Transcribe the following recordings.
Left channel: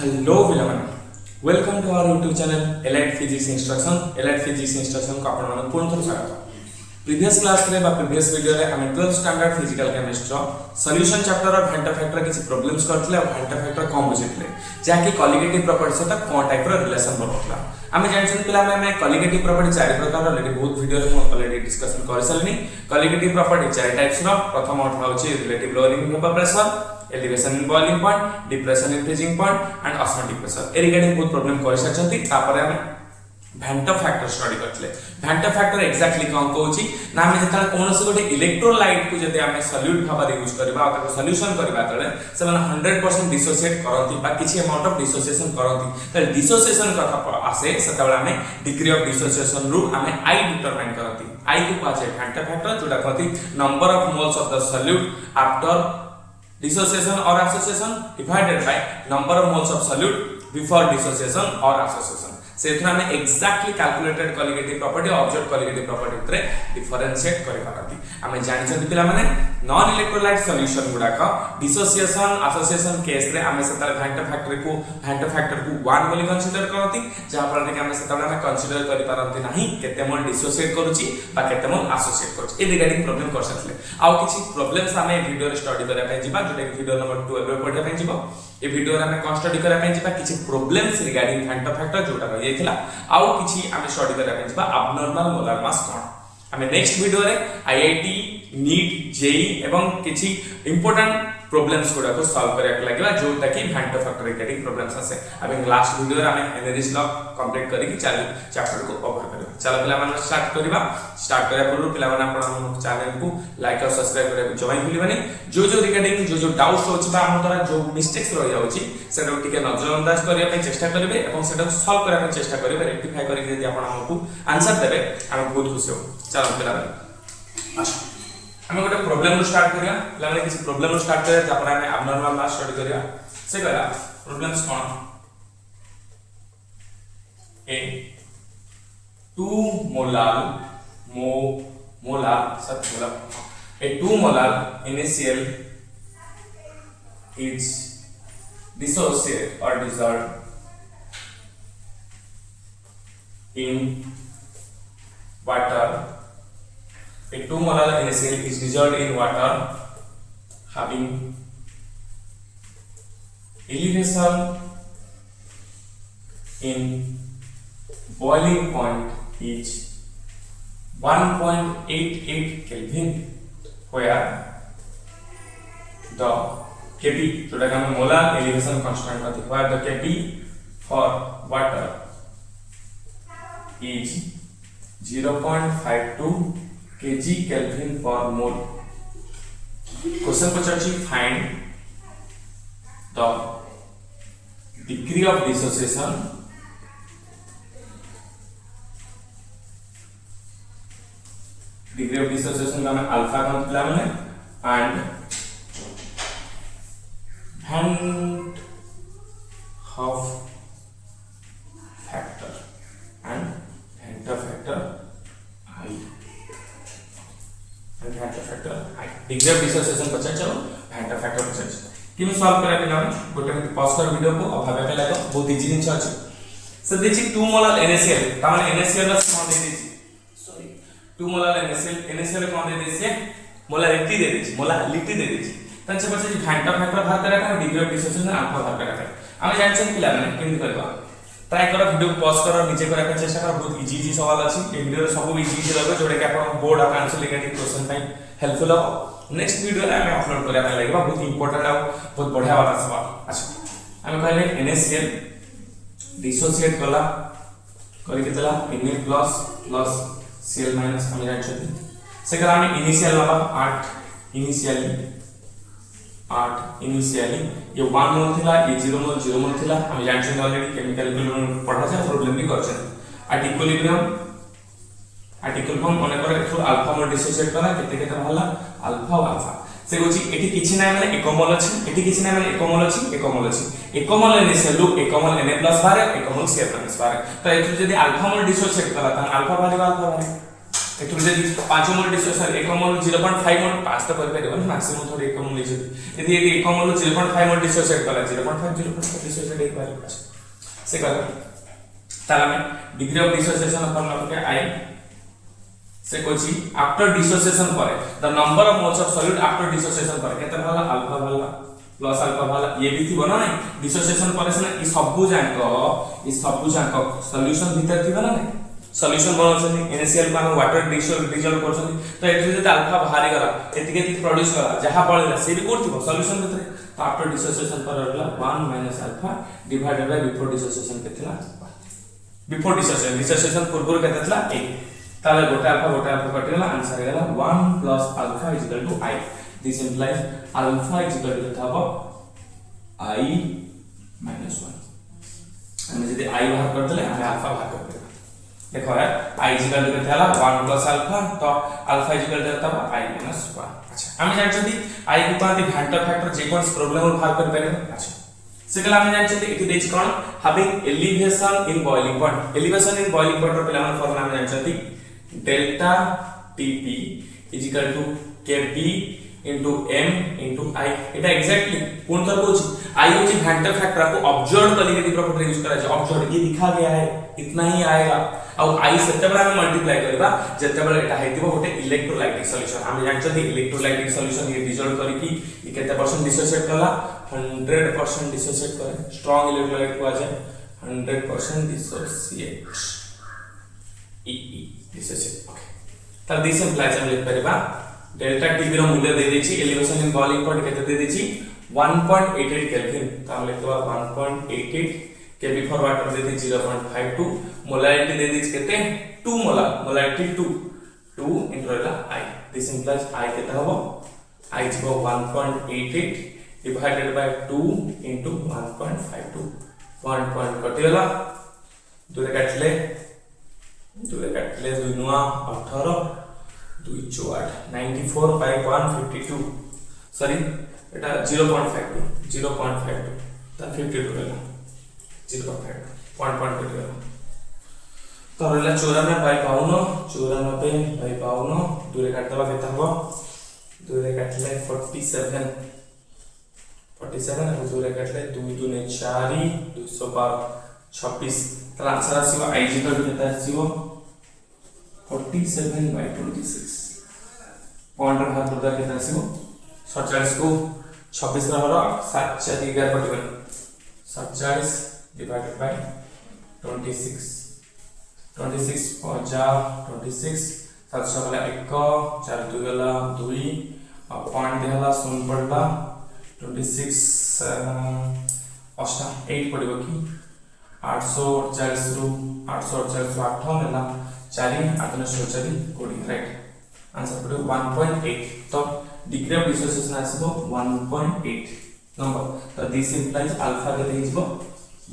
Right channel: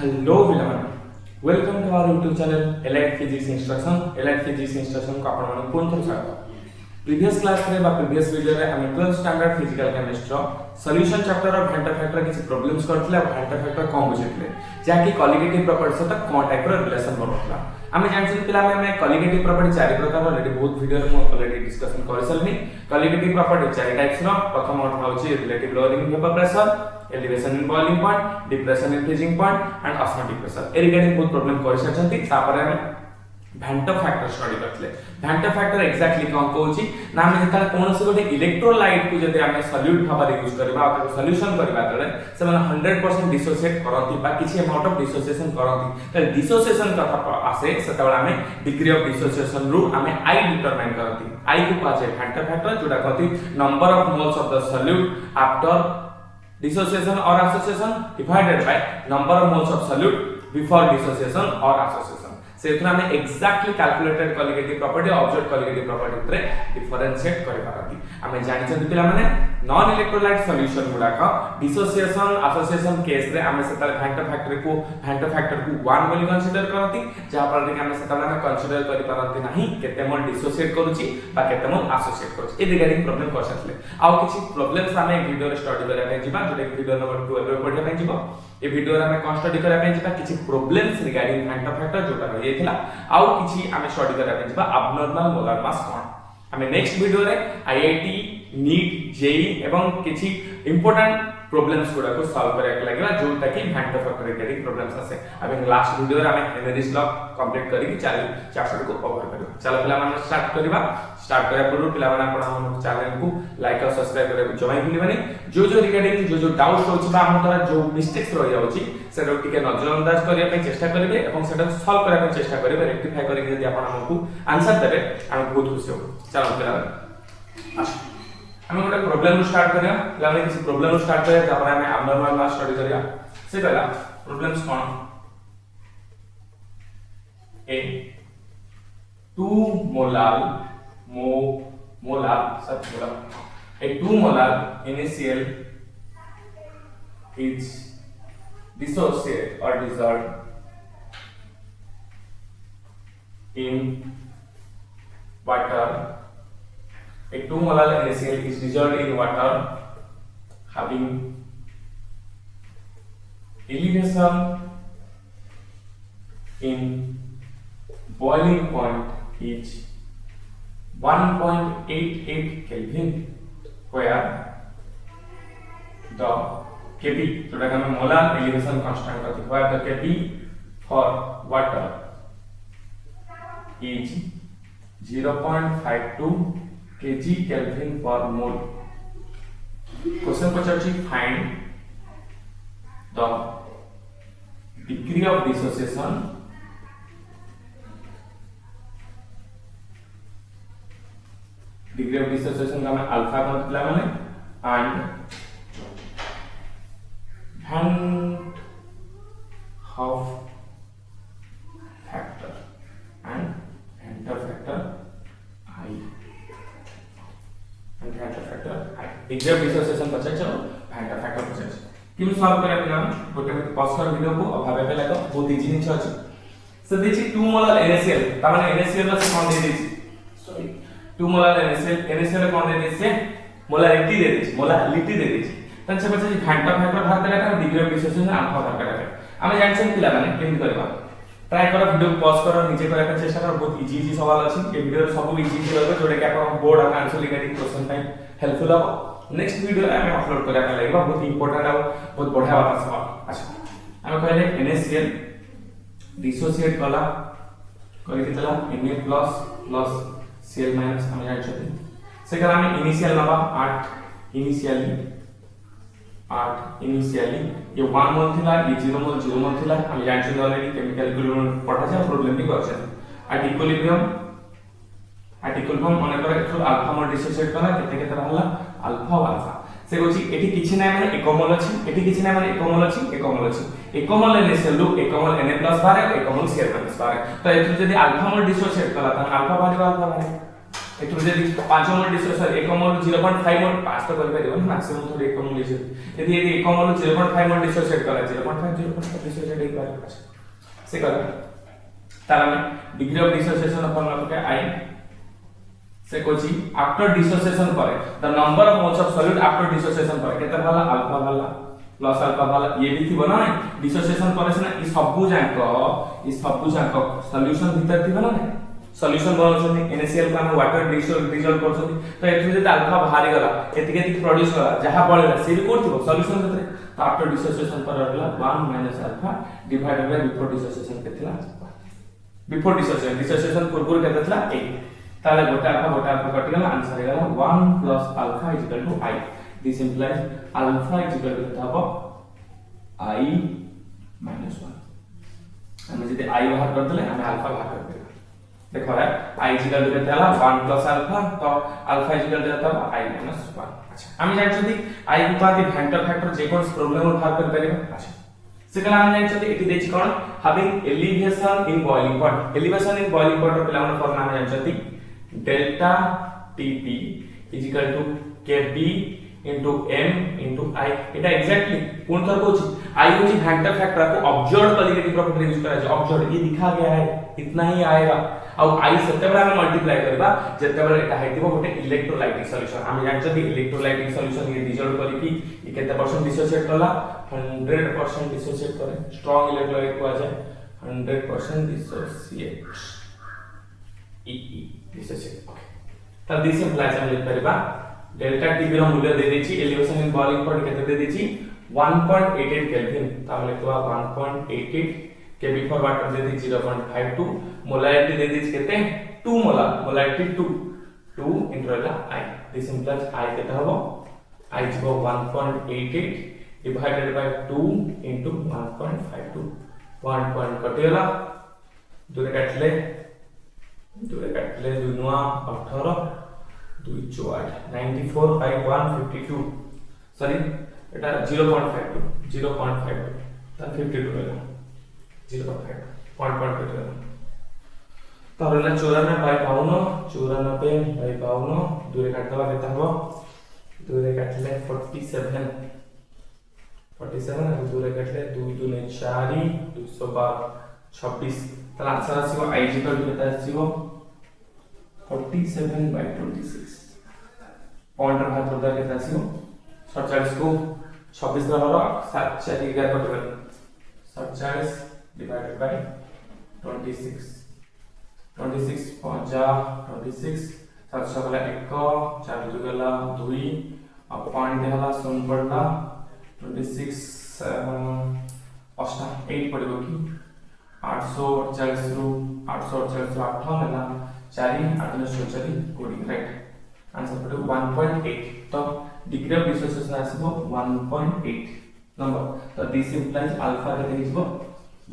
Hello पिलाମାନେ welcome to our YouTube channel allied physics instruction को आपण पुनः थोड़ा स्वागत। प्रीवियस क्लास रे बा प्रीवियस वीडियो रे हम 12th standard physical chemistry solution chapter of van't Hoff factor किसी प्रॉब्लम्स करथले और वेंटर फैक्टर कौन बुझितले जाकी कॉलिगेटिव प्रॉपर्टी सहित कोन टाइप रो रिलेशन बनौतला। आमे जानछन पिला में कॉलिगेटिव प्रॉपर्टी चार प्रकार ऑलरेडी बहुत वीडियो रे हम ऑलरेडी डिस्कशन कर सलनी। कॉलिगेटिव प्रॉपर्टी चार टाइप्स रो प्रथम अर्थ होची relative lowering vapour pressure, elevation in boiling point, depression in freezing point and osmotic pressure। ए रिगार्डिंग बहुत प्रॉब्लम कर सचंती। तापर हम वेंटर फैक्टर स्टडी करथले। वेंटर फैक्टर एक्जेक्टली कोन कहूची ना हम जेता कोनोसी गोटे इलेक्ट्रोलाइट को जदि हम सॉल्यूट भाबा यूज करबा आ ताको सॉल्यूशन करबा तळे से माने 100% डिसोसिएट करंती बा किछि अमाउंट ऑफ डिसोसिएशन करंती। त डिसोसिएशन कथा आसे सेतबेला हमें डिग्री ऑफ डिसोसिएशन रु हमें आई डिटरमाइन करंती। आई को पाछे वेंटर फैक्टर जोटा कहती number of moles of the solute after dissociation or association divided by number of moles of solute before dissociation or association। से इतना हमें exactly calculated colligative property observe colligative property उतरे differentiate करि पारती। हमें जानि छथि पिला माने नॉन इलेक्ट्रोलाइट सॉल्यूशन गुडा का डिसोसिएशन एसोसिएशन केस रे हमें सेतर वेंटर फैक्टर को 1 बोली कंसीडर करती जहा पर कि हमें सेतर हमें कंसीडर करि पारती नाही केते मोल डिसोसिएट करूची बा केते मोल एसोसिएट करूची। ए रिगार्डिंग प्रॉब्लम कर सकले आ किछि प्रॉब्लम्स हमें वीडियो रे स्टडी करै पय जिबा जोटे वीडियो नंबर 2 एबे पढै पय जिबो। ए वीडियो रे हमें कौन स्टडी करै पय जिबा किछि प्रॉब्लम्स रिगार्डिंग वेंटर फैक्टर जोटा थिला आउ किछि हमें स्टडी करा पे जिबा एब्नॉर्मल मोलर मास कोन। हमें नेक्स्ट वीडियो रे आईआईटी नीट जेई एवं किछि इंपोर्टेंट प्रॉब्लम्स गुडा को सॉल्व करे लागबा जोटा कि वेंटर फैक्टर रिगार्डिंग प्रॉब्लम्स आसे। अब लास्ट वीडियो रे हमें एनरिच लॉ कंप्लीट करी चैप्टर को कवर करबा। चलो पिला मन स्टार्ट करबा। स्टार्ट करे पूर्व पिला मन आपण चैनल को लाइक और सब्सक्राइब करे जमाई भूलिबानी। जो रिगार्डिंग जो डाउट्स होछि बा हम तोरा जो मिस्टेक्स रहि जाउछि सेटा टिके नजरअंदाज करिया पे चेष्टा करबे एवं सेटा सॉल्व करिया पे चेष्टा करबे रेक्टिफाई करी यदि आपण हमकु आंसर देबे हम बहुत खुशी हो। चलो पिला अच्छा हमें गोटे प्रॉब्लम स्टार्ट करिया। लाने किसी प्रॉब्लम स्टार्ट करिया जा पर हमें एब्नॉर्मल मास स्टडी करिया। से कहला problems cone A 2 molar initial is dissociate or dissolved in water। A 2 molar NaCl is dissolved in water having elevation in boiling point is 1.88 Kelvin, where the Kp जोटा कि हम molar elevation constant कहते हैं, where the Kp for water is 0.52 kg Kelvin per mole। Question पचाची find the degree of dissociation का मैं alpha count पिला माने and van't Hoff factor and van't Hoff factor I van't Hoff factor degree of dissociation पचा चलो vendor factor पचा किमे solve करा बिना गोटे मिनट पॉज कर वीडियो को अब भाबे लागो बहुत इजी निछ अछि। से देखि 2 मोलर NaCl त माने NaCl रा कोन दे देछि सॉरी 2 मोलर NaCl कोन दे देछि मोलारिटी दे देछि मोलारिटी दे देछि तन से पछे वेंटर फैक्टर भाग करा का डिग्री ऑफ डिसोसिएशन अल्फा भाग करा हम जानछन पिला माने केन करबा ट्राई करो वीडियो पॉज करो नीचे करा का चेष्टा करो बहुत इजी सवाल अछि ए वीडियो सब इजी रहबो जोडे के आपण बोर्ड और answer regarding question time helpful हो। नेक्स्ट वीडियो रे हम अपलोड करा का लागबा बहुत इंपोर्टेंट है बहुत बढ़िया वाला सवाल। अच्छा हम कहले NaCl डिसोसिएट कला करी के तला Na प्लस Cl माइनस हम जान छथि से करा हम इनिशियल नबा 8 इनिशियली ये 1 मोल थिला ये 0 मोल थिला हम जान छथि ऑलरेडी केमिकल इक्विलिब्रियम पढ़ा जाय प्रॉब्लम भी कर छथि। एट इक्विलिब्रियम माने करे थ्रू अल्फा मोल डिसोसिएट कला केते रहला अल्फा और अल्फा से गोची एठी किछि ना माने एक मोल अछि एठी किछि ना माने एक मोल NaCl लुक एक मोल Na+ बारे एक मोल Cl- बारे तो एठी जदी अल्फा मोल डिसोसिएट कला त अल्फा बारे एथुर जदी 5 मोल डिसोसिएशन 1 मोल 0.5 मोल 5 तो कर परिबन मैक्सिमम थोड़ी 1 मोल लिछ यदि 1 मोल 0.5 मोल डिसोसिएट कला 0.5 डिसोसिएट एक बार से कला ताला डिग्री ऑफ डिसोसिएशन फॉर्मूला के आई से कोची आफ्टर डिसोसिएशन पर the number of moles of solid after dissociation पर केते वाला अल्फा वाला प्लस अल्फा वाला ये भी थी बना नहीं डिसोसिएशन पर से ई सबु जांक सॉल्यूशन भीतर थी बना नहीं सॉल्यूशन बनछन इनिशियल को हम वाटर डिसॉल्व करछन तो एथि जे अल्फा बाहर गला एथि के प्रोड्यूस करा जहां पळला से भी कोड थिबो सॉल्यूशन भीतर तो आफ्टर डिसोसिएशन पर रहला 1 - alpha divided by before dissociation केतला बिफोर डिसोसिएशन पूर्व केतला 1 ताले गोटा अल्फा कटि गला आंसर गला 1 + alpha = I this implies alpha = केता I - 1 हम जदि I बाहर कर देले हम अल्फा बाहर कर देले देखो है I = केते हला 1 + अल्फा तो अल्फा = केता I - 1 अच्छा हम जानछथि I को पाती फैक्टर जे कोन प्रॉब्लम बाहर कर परिबे अच्छा से कला हम जानछथि एति देछि कोन having elevation in boiling point elevation in boiling point पिला मन फॉर्मूला हम जानछथि delta Tp = Kb into m into I एटा एग्जैक्टली कोन तर कोची I होची फैक्टर को ऑब्जर्व क्वालिटी प्रॉपर्टी यूज करा छै ऑब्जर्व ये दिखा गया है इतना ही आएगा और I सेते बड़ा हम मल्टीप्लाई करबा जेते बड़ा एटा हेतिबो गोटे इलेक्ट्रोलाइटिक सॉल्यूशन हम जानछथि इलेक्ट्रोलाइटिक सॉल्यूशन ये डिसॉल्व करी कि ये केते परसेंट डिसोसिएट करला 100% डिसोसिएट करे स्ट्रांग इलेक्ट्रोलाइट को आ जाए 100% डिसोसिएट ई डिसोसिएट ओके तब दिस इंप्लाइज हम लिख परिबा डेल्टा T रो मूल्य दे देछि एलिवेशन इन बॉइलिंग पॉइंट केते दे देछि 1.88 केल्विन त हम लिखबा 1.88 केबी फॉर वाटर दे देछि 0.52 मोलारिटी दे देछि केते 2 molarity 2 इंटरला I this implies I केते हबो I is 1.88 divided by 2 into 1.52 1 कटि गला दूरे काटले 2 नुआ 18 2 4 94 by 152 सॉरी एटा 0.52 ता 52 रहला 0.52 1.52 रहला तो रहला 94 by 52 दूरे काटबा केता हो दूरे काटले 47 और दूरे काटले 2 2 ने 4 212 26 तला आंसर आसीबो I = केता आसीबो 47 by 26 पॉइंट बाहर करदा केता आसीबो 47 को 26 रा हरो 7 4 11 पटबन 47 डिवाइडेड बाय 26 26 50 26 7 7 गला 1 4 2 गला 2 और पॉइंट देहला 0 पड़ला 26 8 पड़िबो कि 848 रु 848 रु 8 होला 4 8 ने 4 कोडिंग राइट आंसर पड़े 1.8 तो डिग्री ऑफ डिसोसिएशन आसीबो 1.8 नंबर तो दिस इंप्लाइज अल्फा के देइजबो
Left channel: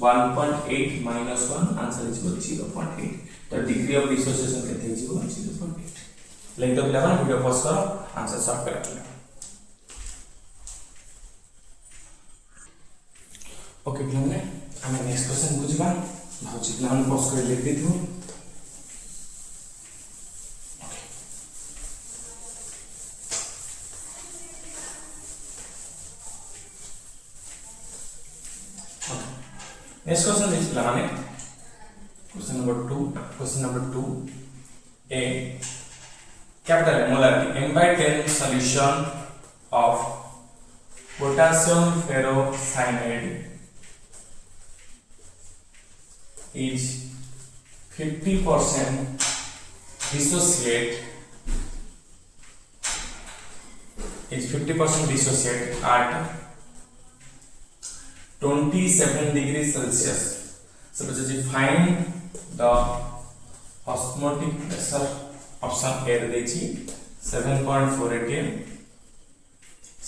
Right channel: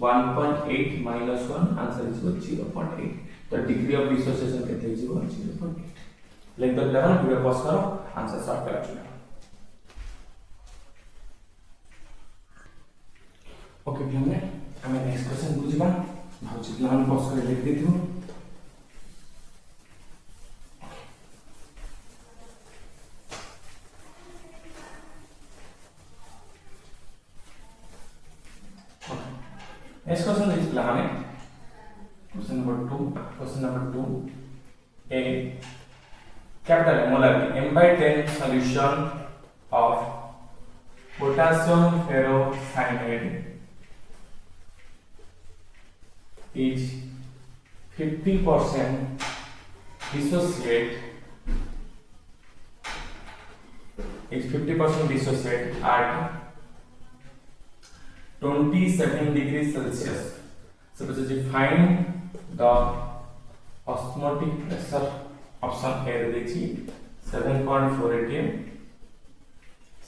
1.8 - 1 आंसर इज 0.8 तो डिग्री ऑफ डिसोसिएशन के देइजबो 0.8 let the level video pause करो आंसर सॉल्व करा ओके प्लीज हमें नेक्स्ट क्वेश्चन बुझबा भाउची प्लान पॉज कर लिख देथु Next question is planning. Question number 2. A capital molarity M/10 solution of potassium ferrocyanide is 50% dissociate at 27 degrees Celsius. So find the osmotic pressure option A देछि 7.4 atm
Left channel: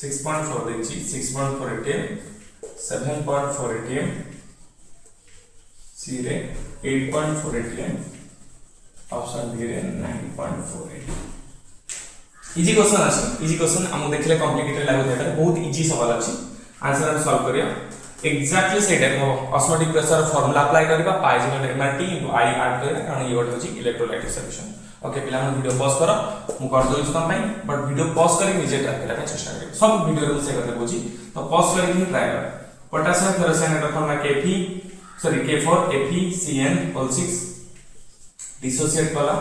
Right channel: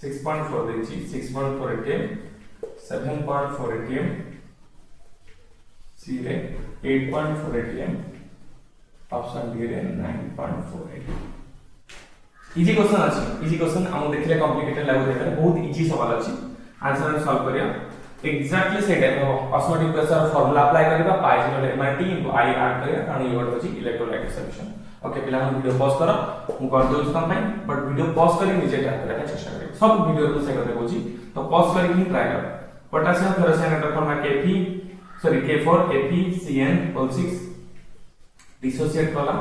6.4 देछि 6.4 atm 7.4 atm C रे 8.4 atm option B रे 9.4 atm easy question हम देखले complicated लागो देता बहुत easy सवाल अछि आंसर हम सॉल्व करिया एग्जैक्टली से देखो ऑस्मोटिक प्रेशर फार्मूला अप्लाई करबा I = mRT * I ऐड करिया कारण ये वर्ड होची इलेक्ट्रोलाइटिक सॉल्यूशन ओके पिला वीडियो पॉज करो मु कर दउ तुम पे बट वीडियो पॉज करी निजे ट्राई करबा चेष्टा करियो सब वीडियो रे से कहते बोची तो पॉज करी ही ट्राई कर पोटेशियम फेरोसाइन इलेक्ट्रॉन में K4 डिसोसिएट कला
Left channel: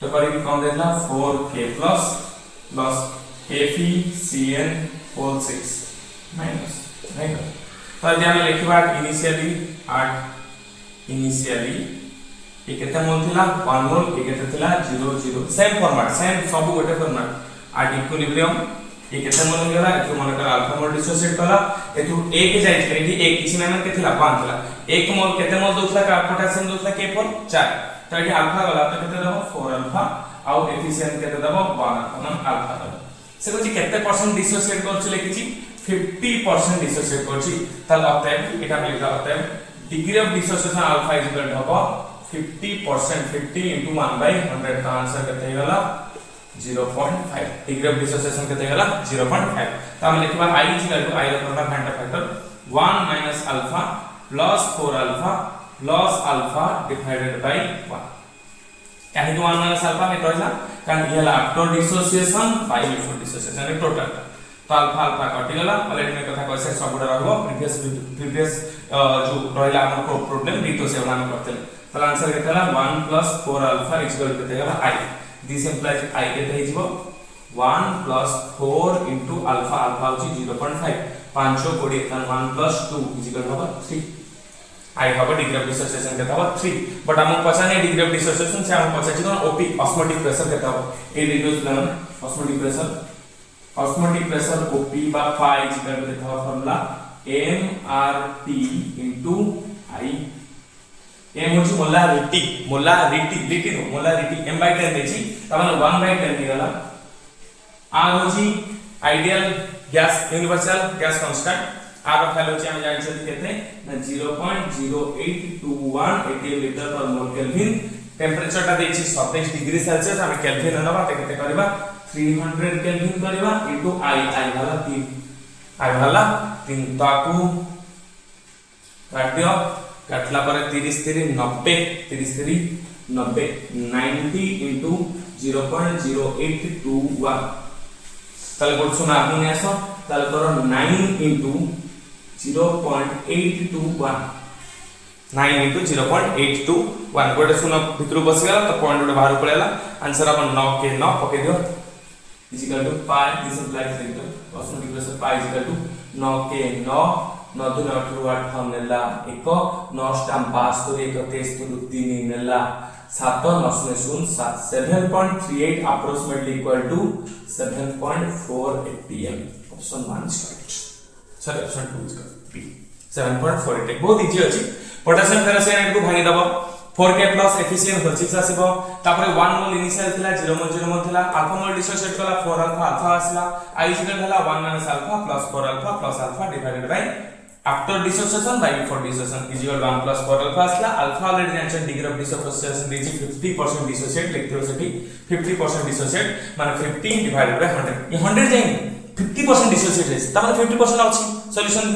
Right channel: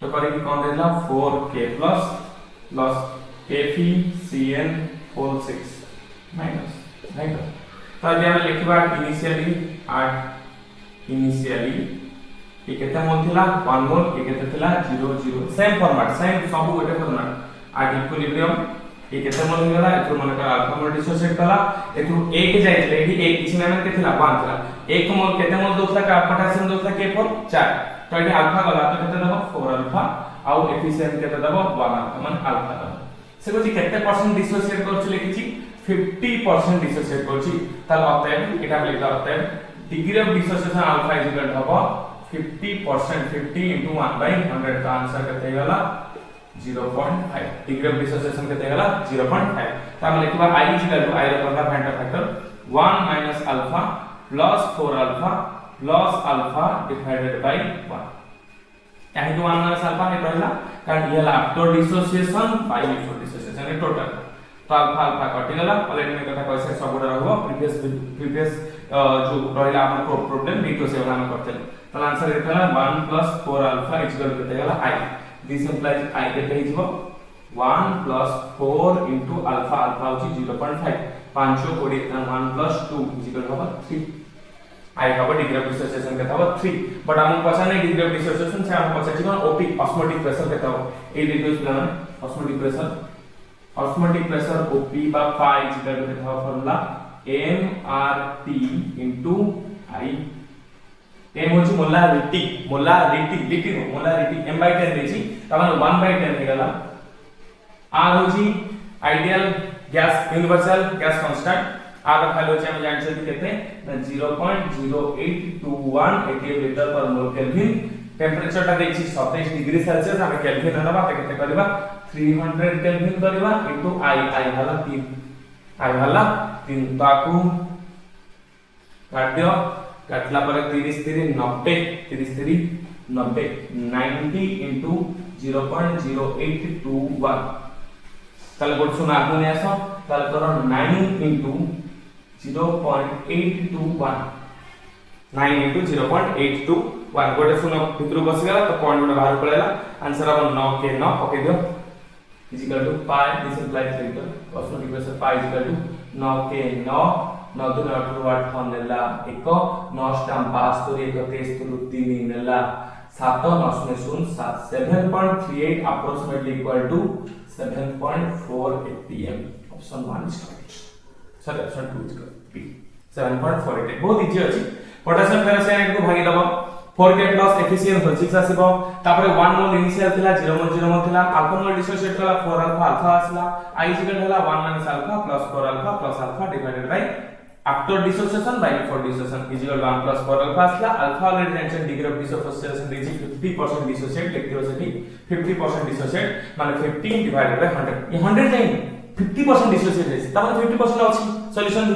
तो करे कि कौन देला 4K plus KFeCN6 minus right तो अभी हम लिखबा इनिशियली ये केते मोल थिला 1 मोल ये केते थिला 0 सेम फॉर्मेट सेम सब गोटे फॉर्मेट एट इक्विलिब्रियम ये केते मोल हो गला एथु मन कर अल्फा मोल डिसोसिएट कला एथु a के जाइतले एठी एक किछि ना के थिला 1 थिला 1 मोल केते मोल दोथला का पोटेशियम दोथला K4 4 तो एठी अल्फा गला तो केते दबो 4 अल्फा आउ एफिशिएंट केते दबो 1 अल्फा मन अल्फा दबो से कोची केते परसेंट डिसोसिएट करछि लिखिछि 50% डिसोसिएट करछि ताल अतएव एटा लिखा अतएव degree of dissociation alpha is equal to 50% 50 into 1 by 100 का आंसर केते होला 0.5 डिग्री ऑफ डिसोसिएशन केते होला 0.5 त हम लिखबा i is equal to i ର factor 1 minus alpha plus 4 alpha plus alpha divided by 1 काहे 1 minus alpha में कहला कारण ये ला after dissociation by before dissociation in total तो अल्फा अल्फा कटि गला ऑलरेडी में कथा कहसे सब गुडा रहबो प्रीवियस जो रहला हमर को प्रॉब्लम दितो से हम करते तो answer केतला 1 plus 4 alpha is equal to केते गला i this implies i केते हिजबो 1 plus 4 into alpha alpha होची 0.5 5 कोडी 1 plus 2 is equal to 3 I have a degree of dissociation केता हो 3 बट हम पछाने डिग्री ऑफ डिसोसिएशन से हम पछाची कोन ओपी ऑस्मोटिक प्रेशर केता हो ए लिखियो छला माने ऑस्मोटिक प्रेशर ओपी बा phi is equal to केता हो formula mRT into I m होची मोलारिटी m by 10 देची तमन 1 by 10 निगला r होची ideal gas universal gas constant r का वैल्यू होची हम जानि छथि केते 0.0821 atm लीटर पर मोल केल्विन टेंपरेचर ता देची 27 डिग्री सेल्सियस हम केल्विन नबा ते केते करबा 300 केल्विन करबा इनटू i वाला 3 ताकू काटियो काटला पर 30 3 90 90 into 0.0821 तल गोट सुना आगुने आसो तल करो 9 into 0.821 9 into 0.821 गोटे सुना भितर बस गला तो पॉइंट गोटे बाहर पड़ेला आंसर अपन 9 के 9 पके दियो is equal to pi this implies equal osmotic pressure pi is equal to 9 के 9 9 2 8 8 नेला 1 9 स्टाम 5 तो 1 23 तो 3 नेला 7 9 0 7 7.38 approximately equal to 7.4 atm option 1 is correct sir option 2 is correct B 7.48 बहुत इजी अछि पोटेशियम फेरोसाइनाइड को भागी दबो 4K प्लस एफिशिएंट हो 6 आसीबो तापर 1 मोल इनिशियल थिला 0 मोल थिला अल्फा मोल डिसोसिएट कला 4 अल्फा आसला i इज इक्वल होला 1 minus alpha plus 4 alpha plus alpha divided by after dissociation by before dissociation is equal to 1 plus 4 alpha asla alpha already mentioned degree of dissociation is 50% dissociate लिखते हो सकी 50% dissociate माने 50 divided by 100 ये 100 जाएंगे 50% dissociate है तब 50% अछि solution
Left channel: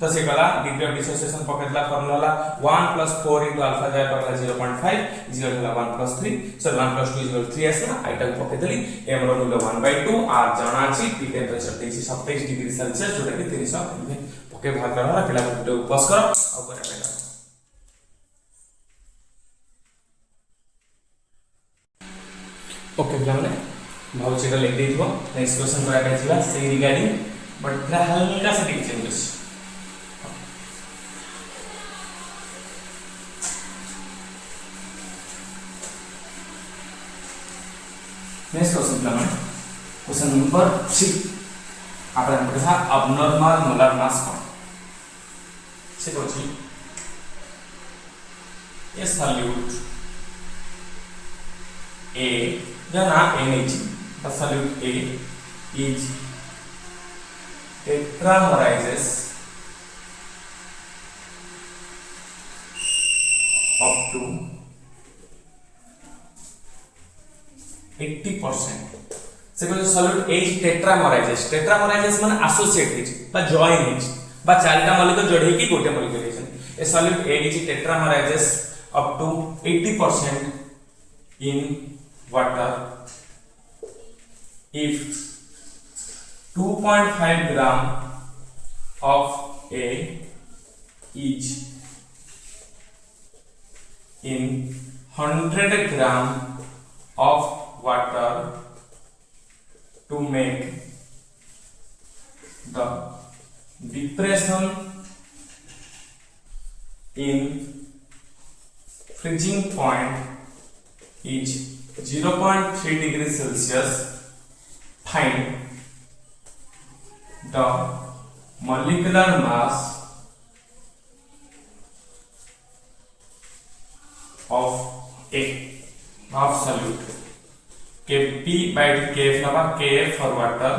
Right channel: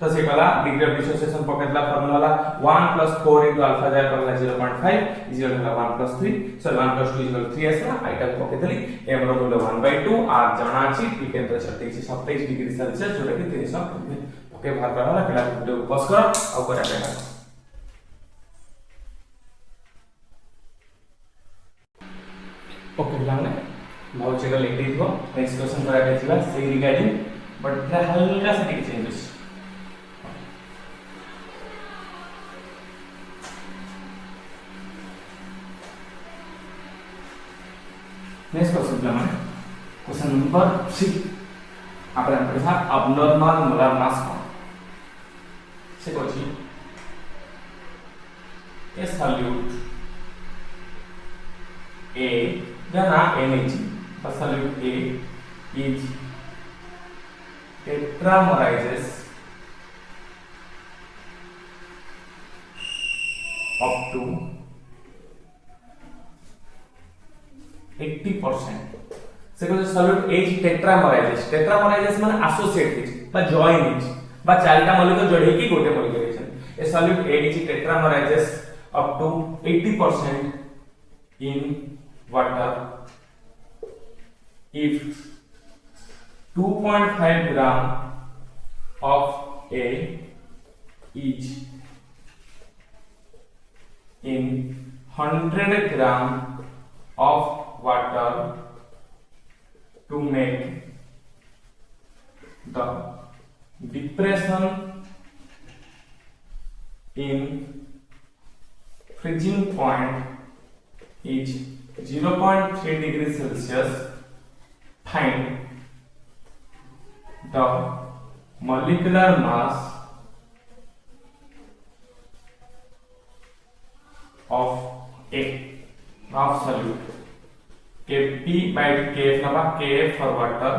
तो से वाला डिग्री ऑफ डिसोसिएशन पकड़ला फार्मूला वाला 1 plus 4 into alpha जाय पकड़ला 0.5 is equal to 1 plus 3 so 1 plus 2 is equal to 3 आसे आइटा पकड़ देली m रो मूल्य 1/2 r जाना अछि t टेंपरेचर 27 डिग्री सेल्सियस जोटा कि 300 केल्विन ओके भाग करला पिला वीडियो पॉज करो और करा देना ओके पिला माने भाव चेक लिख देइबो नेक्स्ट क्वेश्चन करा बेजिबा से रिगार्डिंग बट पिला हल्का सा टिक चेंजेस नेक्स्ट क्वेश्चन पिला माने क्वेश्चन नंबर 3 આપણે કથા abnormal molar mass count से कोची ए सॉल्यूट A जना NH the solute A is tetramerizes up to 80% से को सॉल्यूट H tetramerizes माने एसोसिएट हिज बा जॉइन हिज बा चारटा मॉलिक्यूल जोड़े की गोटे molecule his A solute H tetramerizes up to 80% in water if 2.5 gram of A is in 100 gram of water to make the depression in freezing point is 0.3 degrees Celsius. Find the molecular mass of A of solute. Kp by Kf naba Kf for water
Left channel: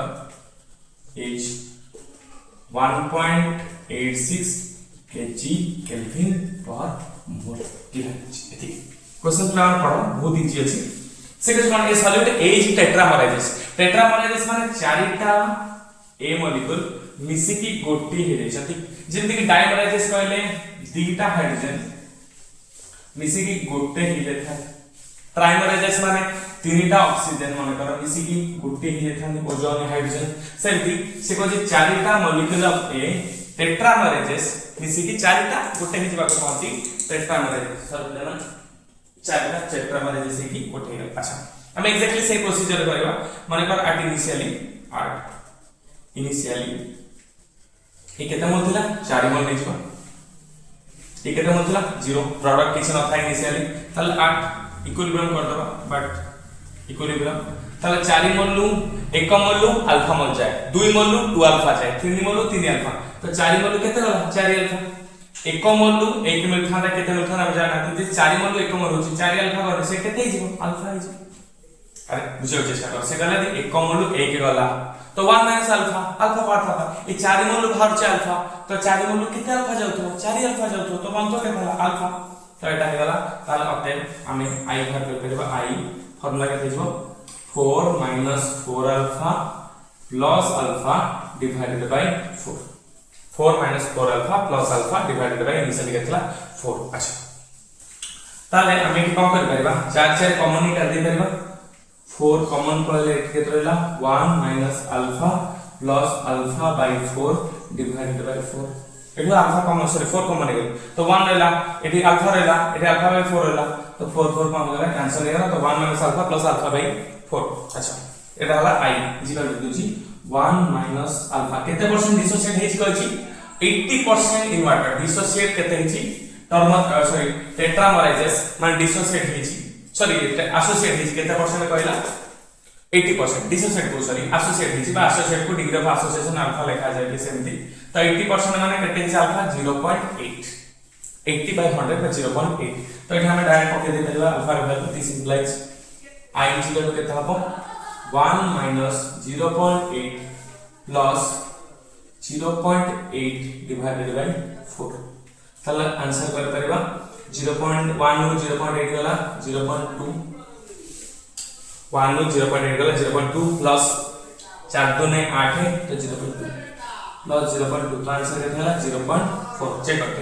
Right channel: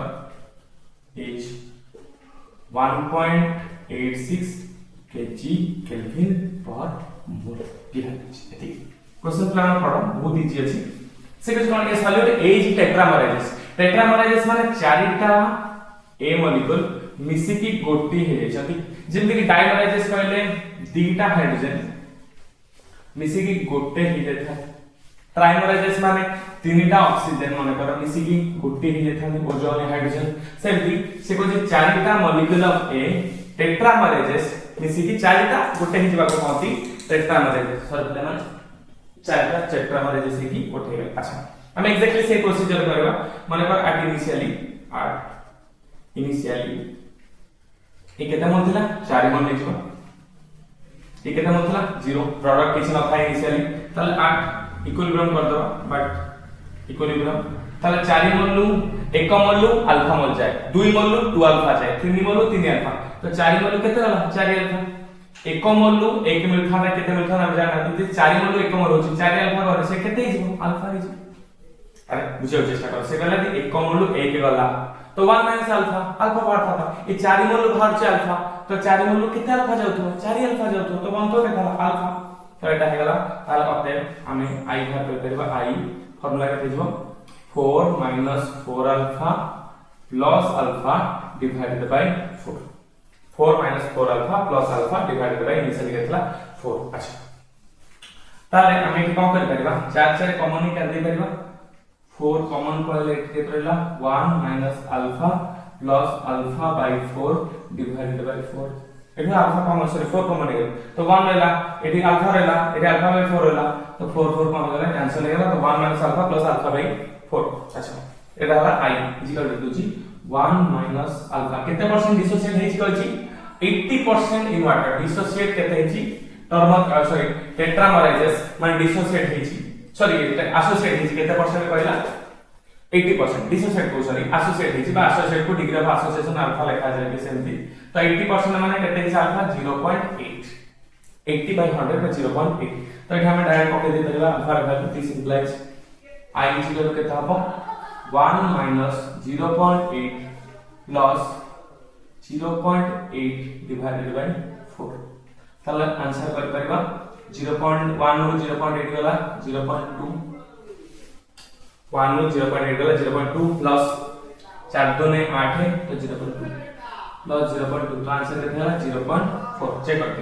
is 1.86 kg Kelvin per mole. Question plan पढ़ो बहुत easy अछि से कौन के solute A is टेट्रामराइजेस माने चारिटा A molecule मिसी की गोटी हे जति जेंति कि डाइमराइजेस कहले दीटा हाइड्रोजन मिसी की गोटे ही देथा ट्राइमराइजेस माने तीनटा ऑक्सीजन माने कर मिसी की गोटे ही देथा ओजोन हाइड्रोजन सेमति से को जे चारिटा मॉलिक्यूल ऑफ A टेट्रामराइजेस मिसी की चारिटा गोटे ही जबा कहती टेट्रामराइजेस सॉरी लेमन चारिटा टेट्रामराइजेस की गोटे हे अच्छा हम एग्जैक्टली से प्रोसीजर करबा माने पर आर्ट इनिशियली ए केता मोल थिला 4 मोल नै छिबा ए केता मोल थिला 0 प्रोडक्ट किछ न था इनिशियली तले 8 इक्विलिब्रियम कर दबा बट इक्विलिब्रियम तले 4 मोल लू 1 मोल लू अल्फा मोल जाए 2 मोल लू 2 अल्फा जाए 3 मोल लू 3 अल्फा तो 4 मोल लू केते होला 4 अल्फा 1 मोल लू 1 मिलथा केते मिलथा हम जाना जे 4 मोल लू 1 मोल होची 4 अल्फा करे से केते हिजो अल्फा हिजो अरे बुझियो चेष्टा कर से गला 1 मोल लू 1 गला तो 1 माइनस अल्फा अल्फा पार्ट था ये 4 मोल बाहर से अल्फा तो 4 मोल कितना अल्फा जाउतो 4 अल्फा जाउतो तो बन तो देखा अल्फा तो एटा हे गला ताल अपने हमें आई बाहर कर करबा आई फार्मूला के देजबो 4 minus 4 alpha plus alpha divided by 4 4 minus 4 alpha plus alpha divided by initially केतला 4 अच्छा ताले हमें की कोन कर परबा 4 4 कॉमन ही कर दे परबा 4 कॉमन पड़ले के रहला 1 minus alpha plus alpha by 4 divided by 4 एठो अल्फा कॉमन सॉरी 4 कॉमन है तो 1 रहला एठी अल्फा रहला एठी अल्फा बाय 4 रहला तो 4 4 कॉमन रहला कैंसिल हो गया तो 1 minus alpha plus alpha by 4 अच्छा एटा रहला i equal to 1 minus alpha केते परसेंट डिसोसिएट हेछि कहछि 80% इन वाटर डिसोसिएट केते हेछि टर्मल सॉरी टेट्रामराइजेस माने डिसोसिएट हेछि सॉरी एसोसिएट हेछि केते परसेंट कहला 80% डिसोसिएट को सॉरी एसोसिएट हेछि बा एसोसिएट को डिग्री ऑफ एसोसिएशन अल्फा लिखा जाय के सेमति तो 80% माने केते हेछि अल्फा 0.8 80 by 100 by 0.8 तो एठी हम डायरेक्ट पके दे परबा अल्फा रे value this implies i equal to केते हबो 1 माइनस 0.8 प्लस 0.8 डिवाइडेड बाय 4 तले आंसर कर परबा 0.1 नु 0.8 गला 0.2 1 नु 0.8 गला 0.2 प्लस 4 2 ने 8 है तो 0.2 प्लस 0.2 तो आंसर केतना 0.4 चेक करते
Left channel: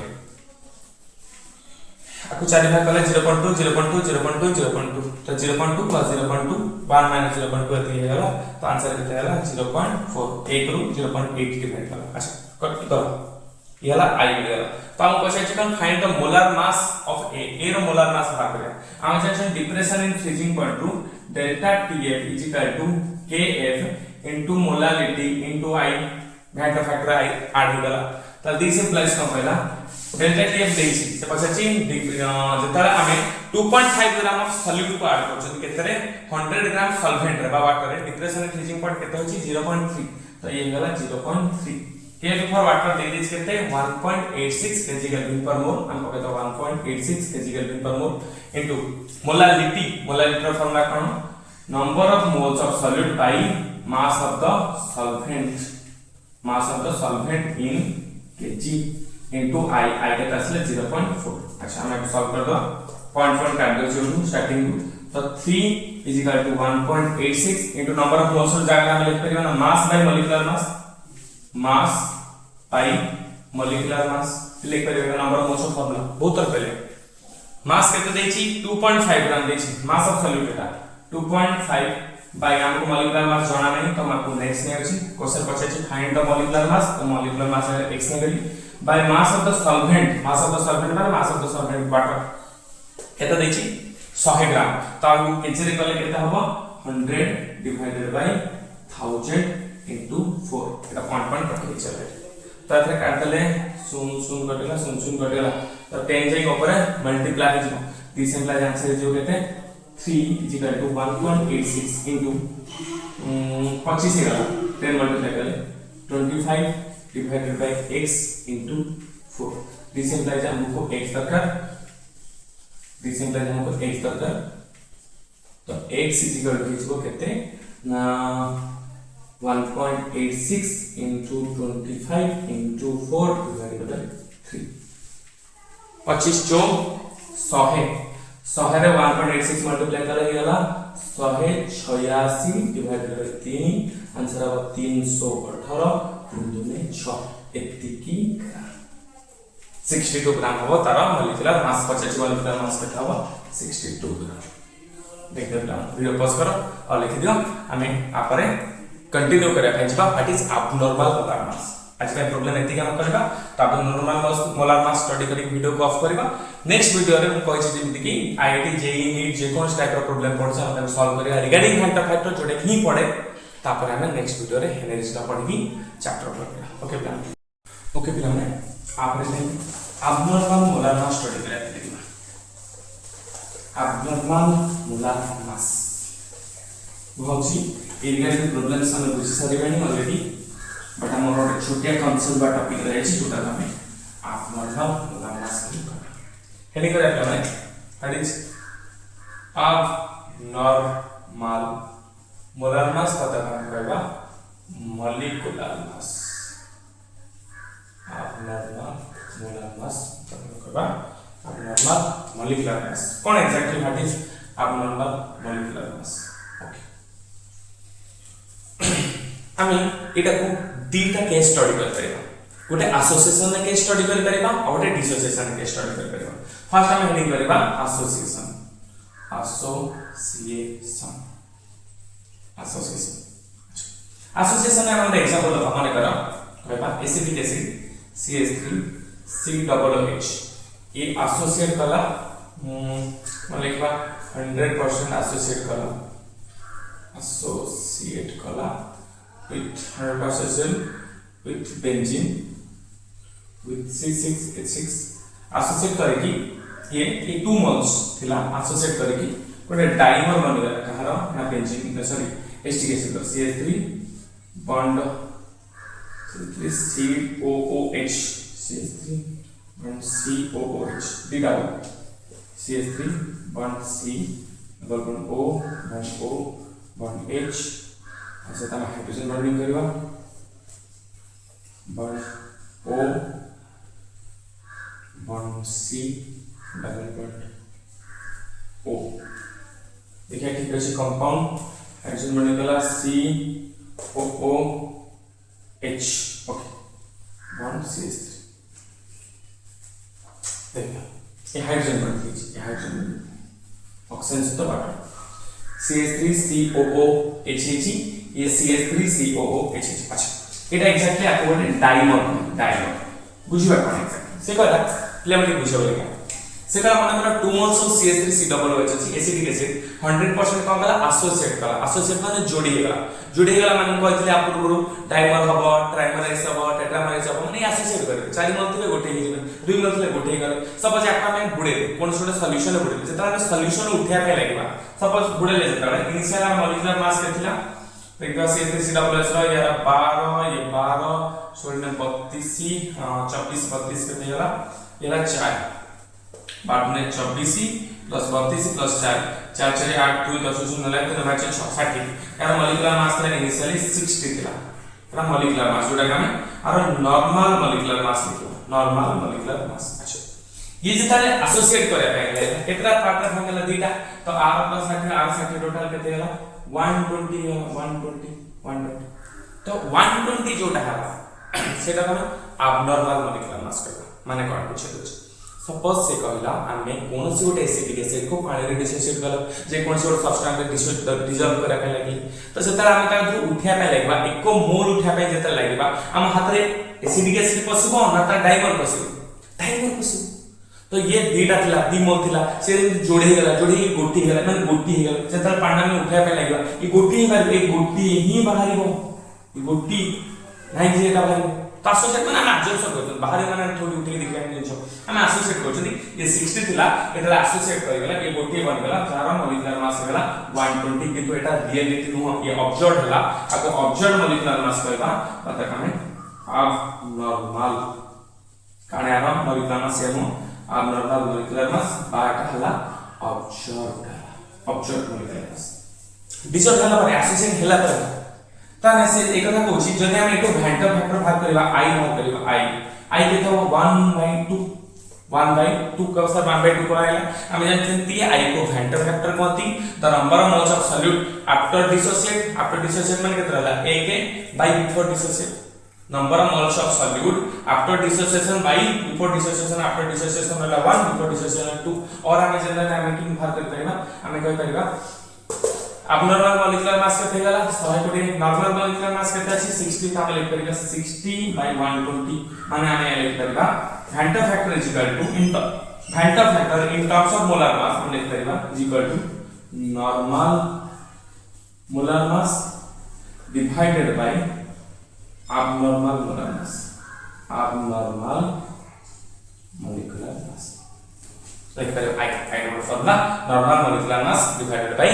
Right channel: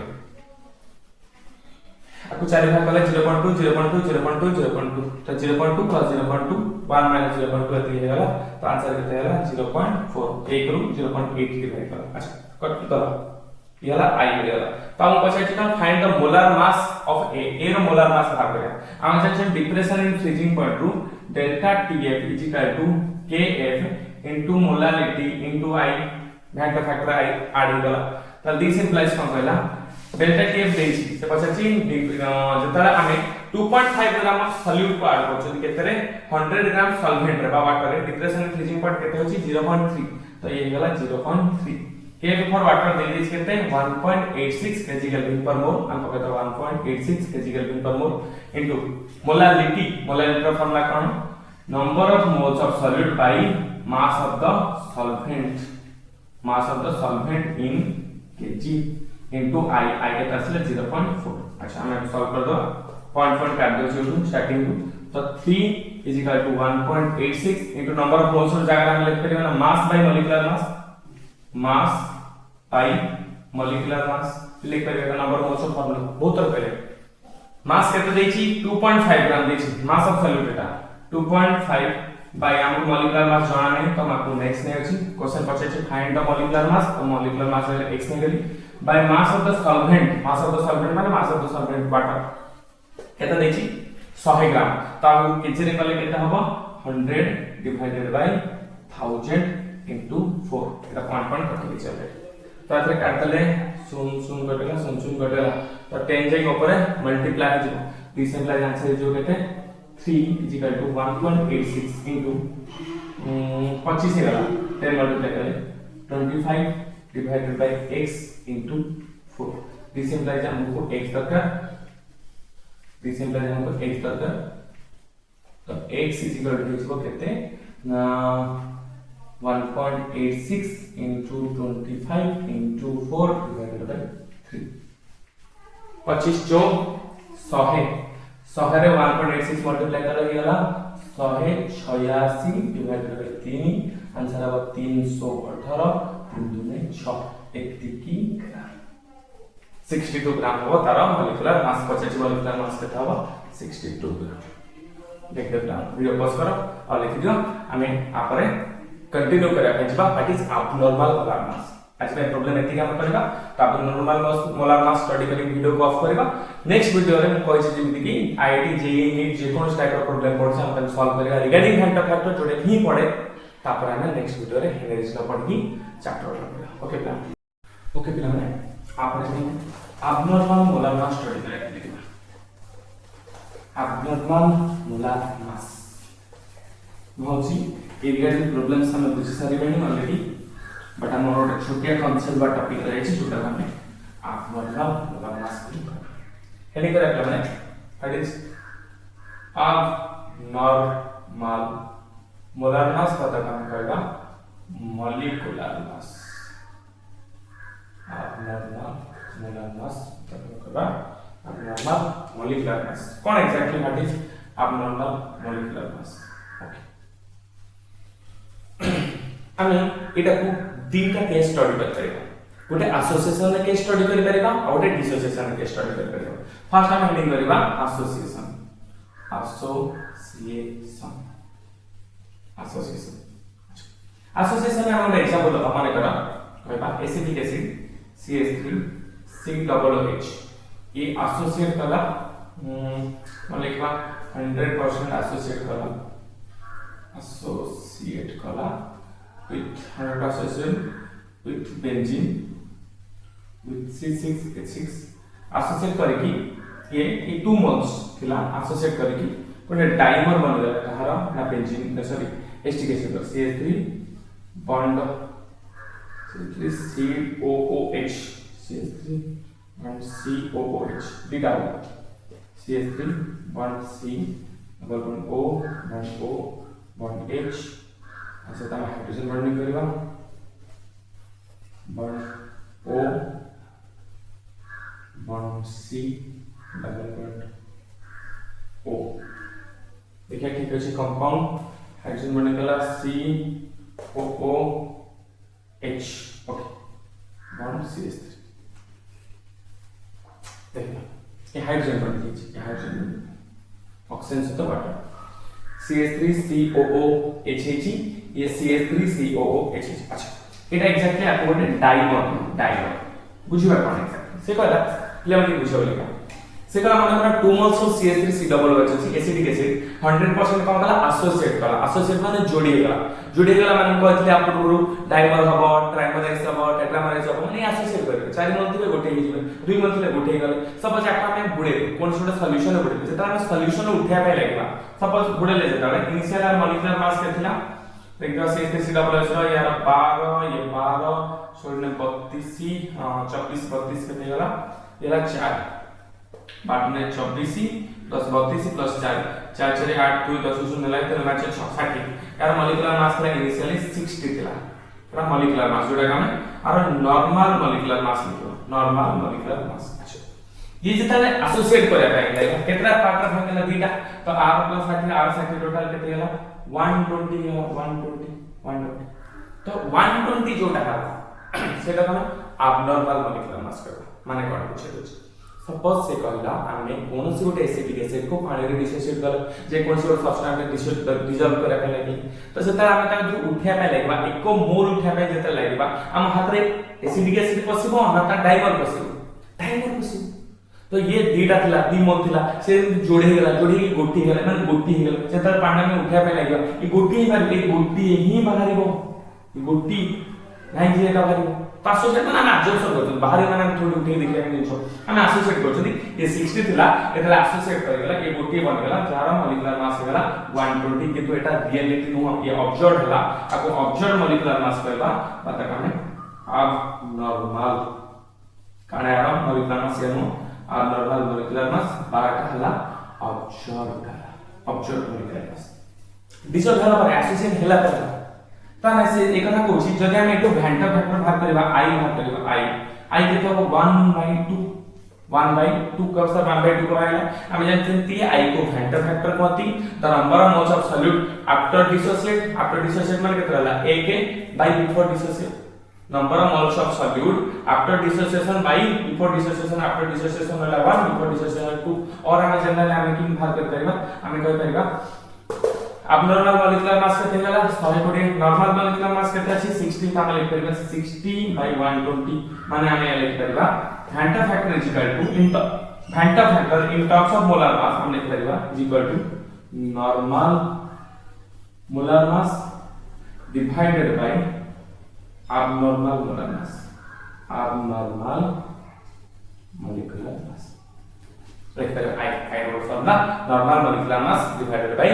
आपको चार भाग गला 0.2 0.2 0.2 0.2 तो 0.2 प्लस 0.2 1 माइनस 0.2 एती हे गला तो आंसर केतना गला 0.4 1 रु 0.8 डिवाइड गला अच्छा कट दो याला आई गला तो हम question can find the molar mass of a रो मोलर मास बाहर करिया हम section depression in freezing point रु delta TF is equal to KF into molarity into I मैथ फैक्टर आई ऐड हो गला तो दिस इंप्लाइज कम कहला डेल्टा टीएफ देछि से पछाची जतरा हमें 2.5 ग्राम ऑफ सॉल्यूट को ऐड करछन केतरे 100 ग्राम सॉल्वेंट रे वाटर रे डिप्रेशन इन फ्रीजिंग पॉइंट केते होछि 0.3 तो ये गला 0.3 Kf for water they this केते 1.86 kg Kelvin per mole हम कहता 1.86 kg Kelvin per mole into molality formula कौन number of moles of solute by mass of the solvent in kg into I के तसले 0.4 अच्छा हम सॉल्व कर दो पॉइंट काट दो जो स्टार्टिंग तो 3 is equal to 1.86 into number of moles जगह हम लिख परिबा mass by molecular mass by molecular mass लिख परिबा नंबर ऑफ मोल्स फॉर्मूला बहुत तर पहले मास केते देछि 2.5 ग्राम देछि mass of solute Etah 2.5 bye हमको मॉलिक्यूलर मास जाना नहीं तो हमको नेक्स्ट ने अछि क्वेश्चन पछे छै फाइंड द मॉलिक्यूलर मास तो मॉलिक्यूलर मास x ने गेली by mass of the solvent माने mass of the solvent water केते दै छी 100 ग्राम तो हमको पिछरे कले केते हबो 100 divided by 1000 into 4 Etah point पकड़ी चले तो एथरे काट दले सुन कटला तो 10 जाई ऊपर मल्टीप्लाई हो जिवो दिस इम्प्लाइज आंसर जो केते 3 is equal to 1.86 into 25 से गला 10 मल्टीप्लाई करे 25 divided by x into 4 this implies हमको x दरकार तो x is equal to इसको कहते हैं 1.86 into 25 into 4 divided by 3 25 जो 100 है 100 रे 1.86 मल्टीप्लाई कर गला 186 डिवाइडेड बाय 3 आंसर अब 318 दुने 6 एतिकी ग्राम 62 ग्राम हो तारा मॉलिक्यूलर मास 50 मॉलिक्यूलर मास देखा हुआ 62 ग्राम देखते ग्राम वीडियो पॉज करो और लिख दियो हमें आपरे कंटिन्यू करिया पछबा what is abnormal molar mass आज का प्रॉब्लम एति काम करबा तो आप नॉर्मल मोलार मास स्टडी करी वीडियो को ऑफ करबा नेक्स्ट वीडियो रे हम कहै छी जेमिति कि आईआईटी जेईई नीट जे कोन टाइप रो प्रॉब्लम पड़छ हम सॉल्व करिया रिगार्डिंग फैक्टर जोडे ही पड़े तापर हम नेक्स्ट वीडियो रे हेनेरिस का पढ़ी chapter okay plan okay plan में आप रे एब्नॉर्मल मोलार मास स्टडी करिया एब्नॉर्मल मोलार मास होची एरिया प्रॉब्लम्स हम बुझी सारी बनी ऑलरेडी बट हम और छोटे कॉन्सेप्ट बा टॉपिक रहे छी जोटा हमें एब्नॉर्मल मोलार मास हेली करे plan what is abnormal molar मास पता काम करबा मॉलिक्यूलर मास एब्नॉर्मल मोलार मास पता करबा abnormal molecular mass cone exactly what is abnormal molecular mass okay आमे एटा को दीटा केस स्टडी करते हैं गोटे एसोसिएशन रे केस स्टडी करि परिबा और गोटे डिसोसिएशन रे केस स्टडी करि परिबा फर्स्ट हम हेडिंग करबा एसोसिएशन एसोसिएशन हम एग्जांपल दबा माने करा कहबा एसिटिक एसिड CH3 COOH ये एसोसिएट कला माने लिखबा 100% एसोसिएट कला with 100% with benzene with C6H6 associate करके ये 2 moles थिला associate करके कोने डाइमर बनला कहारो ना benzene sorry acetic acid CH3 bond CH3COOH CH3 bond COOH दी double CH3 bond C double bond O bond O bond H ऐसे तमा हाइड्रोजन बॉन्डिंग करबा bond O bond C double bond O देखिए ठीक है कंपाउंड हाइड्रोजन बॉन्डिंग कला COOH okay bond CH3 देखिए ये हाइड्रोजन बॉन्डिंग ये हाइड्रोजन ऑक्सीजन से तो वाटर CH3COOH ये CH3COOH अच्छा एटा एग्जैक्टली आपको डाइमर बुझिबा कोन एग्जैक्टली से कहला क्लियरली बुझिबा से का माने करा 2 मोल्स ऑफ CH3COOH अछि एसिटिक एसिड 100% का कला एसोसिएट माने जोड़ी गेला माने कहथले आप डाइमर हबो ट्राइमराइज हबो टेट्रामराइज हबो माने एसोसिएट करे 4 मोल थिबे गोटे ही जीवन 2 मोल थिबे गोटे ही गले सपोज आपा में बुडे कोन सोडा सॉल्यूशन बुडे से तारा सॉल्यूशन उठा पे लागबा सपोज बुडे ले जेता इनिशियल मॉलिक्यूलर मास केथिला देखा CH3COOH रो यार 12 ये 12 16 32 24 32 के देला येला 4 बाद में 24 प्लस 32 प्लस 4 4 6 8 2 10 0 ले 3 5 6 60 यार मॉलिक्यूलर मास था इनिशियली 60 थिला पूरा मॉलिक्यूलर मास जोटा का में और नॉर्मल मॉलिक्यूलर मास लिखो नॉर्मल मॉलिक्यूलर मास अच्छा ये जिताले एसोसिएट करे पाइले केतरा पार्टनर हो गेला दीटा तो R प्लस 60 R 60 टोटल केते गेला 120 तो 120 जोटा है सेटा का एब्नॉर्मल मॉलिक्यूलर मास करबा माने कोन पूछे सपोज से कहला आमे कोनोसी गोटे एसिडिक एसिड को पानी रे डिसोसिएट कर जे कोनोसी गोटे सब्सटेंस डिसॉल्व करा पे लागि तो सेता आमे ता उठिया पे लागबा एको मोल उठिया पे जेते लागबा हम हाथ रे एसिडिक एसिड पसिबो ना ता डाइमर पसिबो तो ये दीटा थिला दी मोल थिला से जोड़े गला गोटी गला माने गोटी हे गला जेता पांडा में उठिया पे लागबा ई गोटी ही बाहरिबो ई गोटी नाही जे एटा बाहरिबो तो एसोसिएट माने हम एब्जॉर्प्शन करछन बाहर माने थोड़ी उठे देखिया निछो हम एसोसिएट करछन ये 60 थिला एतला एसोसिएट कर गेला ये गोटी बन गेला जार मॉलिक्यूलर मास गेला 120 किंतु एटा रियलिटी नु ये ऑब्जर्व हला आको ऑब्जर्व मॉलिक्यूलर मास कहबा पता कमे अब नॉर्मल काने आरो मॉलिक्यूलर मास येनो अब नॉर्मल मॉलिक्यूलर मास बाटा हला ऑब्जर्व मॉलिक्यूलर मास डिसऑर्डर हला पर एसोसिएट हला पर ताने से एक कथा कहूची जदि हम एतो भ्यांटर फैक्टर भाग करबा i के तो 1/2 कब सर 1/2 को आइला हम जानते हैं i को भ्यांटर फैक्टर कहती the number of moles of solute after dissociate माने केतना हला a के by before dissociate number of moles of solute after dissociation by before dissociation after dissociation हला 1 बिफोर डिसोसिएशन 2 और हम जनरल हम की भाग कर परिबा हम कहि परिबा abnormal molecular mass केते गला 120 नॉर्मल molecular mass केते अछि 60 का लिख परिबा 60 by 120 माने आमे लिख परिबा Vanta factor is equal to Vanta factor in terms of molar mass हम लिख परिबा is equal to normal molar mass divided by abnormal molar mass molecular mass like I know formula normal molecular mass divided by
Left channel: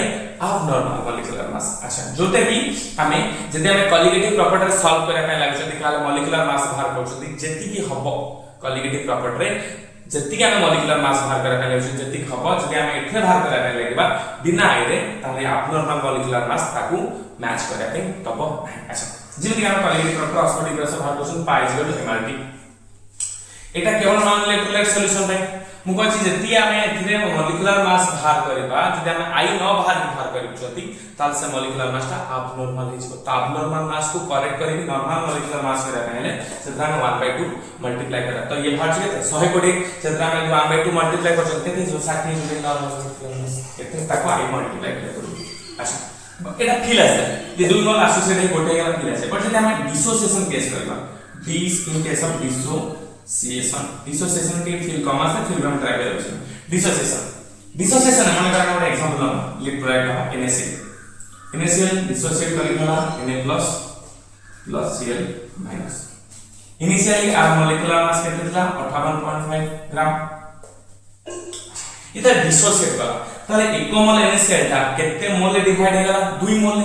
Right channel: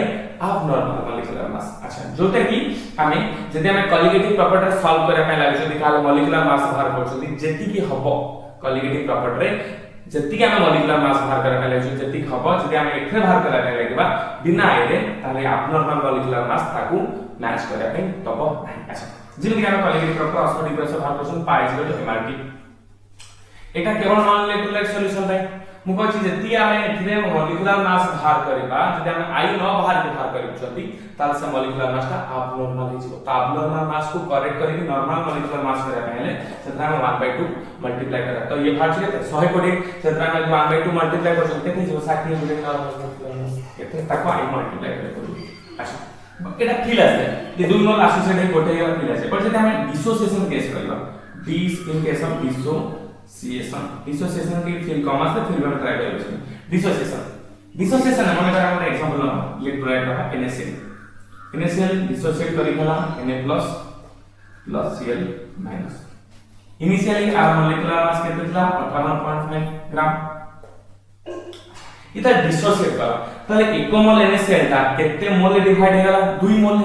abnormal molecular mass अच्छा जोते कि हमें जदि हमें colligative property solve करे पे लागै छै काले मोलिकुलर मास बाहर करछथि जेति कि हबो कॉलिगेटिव प्रॉपर्टी रे जेति कि हमें मोलिकुलर मास बाहर करे पे लागै छै जेति कि हबो जदि हमें एथे बाहर करे पे लागबा बिना आइरे ताले abnormal molecular mass ताकू मैच करे पे तब अच्छा जेति कि हम कॉलिगेटिव प्रॉपर्टी ऑस्मोटिक से बाहर करछन पाई जे तो एमआरटी एटा केवल नॉन इलेक्ट्रोलाइट सॉल्यूशन रे मु कहछि जेति हमें एथिरे मोलिकुलर मास बाहर करबा जदि हम आई न बाहर बाहर करछथि ताल से मोलिकुलर मास ता abnormal हिजो तो abnormal मास को करेक्ट करी नॉर्मल मोलिकुलर मास करे पहले सेत्रा में 1/2 मल्टीप्लाई करा तो ये बाहर जे 120 सेत्रा में 1/2 मल्टीप्लाई कर सकते थे जो 60 मिले नॉर्मल मोलिकुलर मास एते ताको आई मल्टीप्लाई कर अच्छा एटा फील आसे ये दोनों एसोसिएटेड गोटे गला फील आसे पर जदि हम डिसोसिएशन केस करबा this in case of dissociation की फील कम आसे फील हम ट्राई करें डिसोसिएशन हम एक एग्जांपल इलेक्ट्रोलाइट का NaCl डिसोसिएट करिला Na plus Cl minus initially आर मोलिकुलर मास केते था 58.5 ग्राम इता डिसोसिएट करा ताले 1 मोल NaCl ता केते मोल डिवाइड हेगला 2 मोल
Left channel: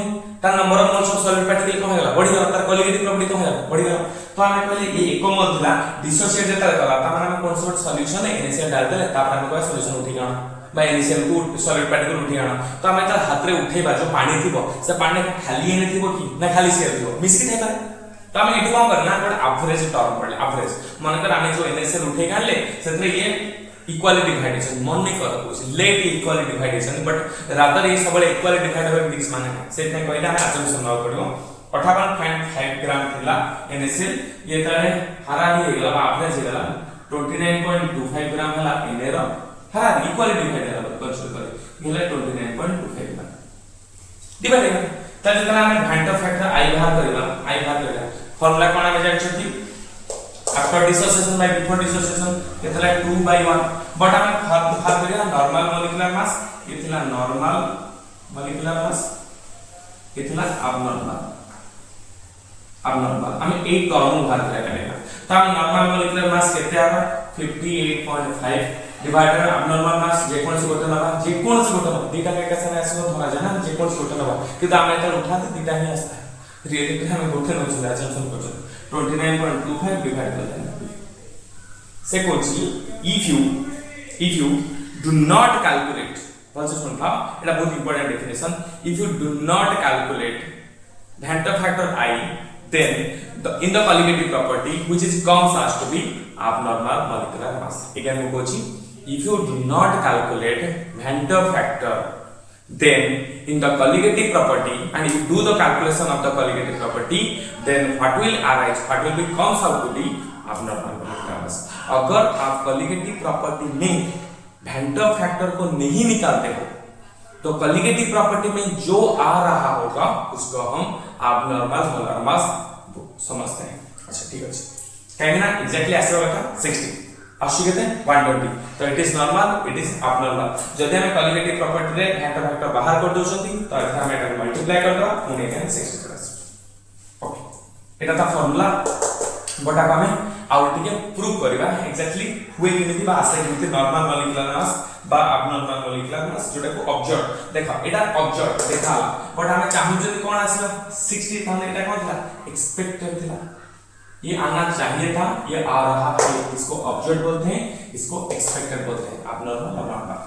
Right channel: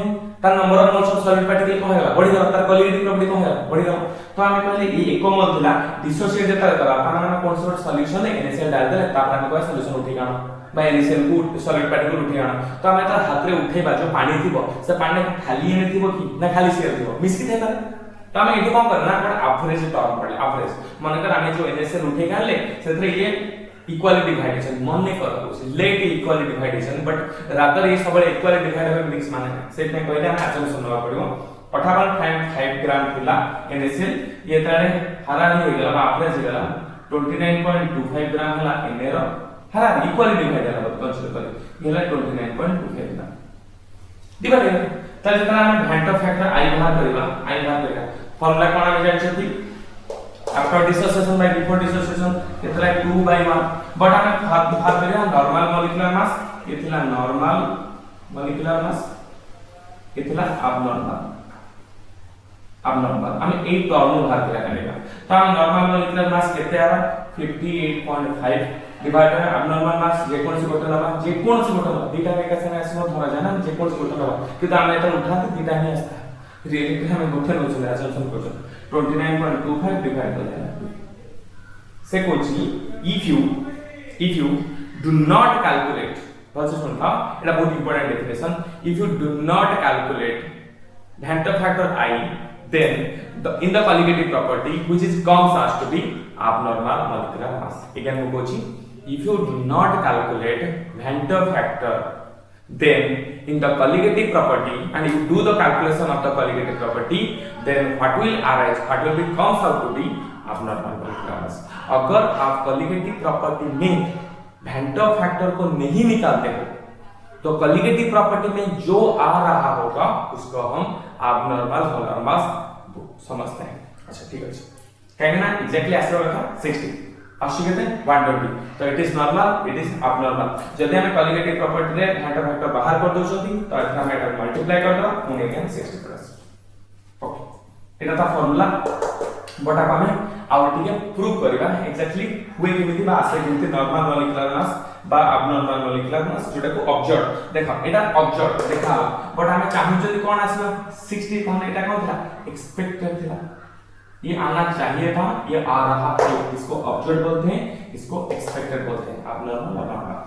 तार number of moles of solute particle को हेगला बढ़ी गला तार कॉलिगेटिव प्रॉपर्टी को हेगला बढ़ी गला तो हमें कहले ये 1 मोल थिला डिसोसिएट जेता करा ता माने हम कोन सोर्ट सॉल्यूशन है NaCl डाल देले ता हम को सॉल्यूशन उठी गाना बा NaCl को सॉलिड पार्टिकल उठी गाना तो हमें तार हाथ रे उठेबा जो पानी थिबो से पानी खाली एने थिबो कि ना खाली से थिबो मिस्की थे कर तो हमें इटु काम करना है एवरेज टर्म पड़े एवरेज माने कर हमें जो NaCl उठे गाले सेतरे ये इक्वाली डिवाइडेशन मन नहीं कर लेट इक्वाली डिवाइडेशन बट रादर ये सब इक्वाली डिवाइडेबल मिक्स माने सेट में कहले हम एजम्पशन न करियो 58.5 ग्राम थिला NaCl ये तारे हरा ही गेला बा एवरेज गेला 29.25 ग्राम हला Na रो हरा इक्वाली डिवाइड हला कंसीडर कर गेला 29.25 ग्राम डिवाइड है तब जितना हम Vanta फैक्टर i बाहर करबा फार्मूला कोन हम जानि छी after dissociation by before dissociation इतना 2/1 बट हमें भाग करिया नॉर्मल मोलिकुलर मास इतना नॉर्मल मोलिकुलर मास इतना abnormal हमें एक टर्म भाग करिया पड़ेगा तो हम नॉर्मल मोलिकुलर मास केते आबा 58.5 डिवाइडेड abnormal मास जे कोन से गोटे दीटा के कैसे मैच हो धरा जाना जे कोन से गोटे कि तो हम एत उठाते दीटा ही आस्ता रियलिटी हमें गोटे न चला अजम्पशन करछन 29.25 डिवाइड कर देना से Kochi if you do not calculate also सुन था एटा बहुत important definition if you do not calculate Vanta factor I then in the colligative property which is comes as to be abnormal molecular mass again we kochi if you do not calculate Vanta factor then in the colligative property and if you do the calculation of the colligative property then what will be comes out to be abnormal molecular mass मास। अगर आप colligative property में vendor factor को नहीं निकालते हो तो colligative property में जो आ रहा होगा उसको हम एब्नॉर्मल मोलर मास समझते हैं। अच्छा ठीक है, कहेंगे ना एग्जैक्टली ऐसे होगा 60 80 कहते हैं 120 तो it is normal it is abnormal. जदि हम कॉलिगेटिव प्रॉपर्टी रे वेंटर फैक्टर बाहर कर दोछंती तो एथा हम एटा मल्टीप्लाई कर दो पुणे के 60 प्लस ओके एटा ता फार्मूला बटा का में आउ टिके प्रूव करबा एग्जैक्टली हुए केमिति बा आसे केमिति नॉर्मल मॉलिक्यूलर मास बा एब्नॉर्मल मॉलिक्यूलर मास जोटा को ऑब्जर्व देखा एटा ऑब्जर्व देखा बट हमें चाहू जदि कोन आसीबा 60 हमने एटा कोन था एक्सपेक्टेड था, ये आना चाहिए था, ये आ रहा है, इसको ऑब्जर्व बोलते हैं, इसको एक्सपेक्टेड बोलते हैं एब्नॉर्मल और नॉर्मल।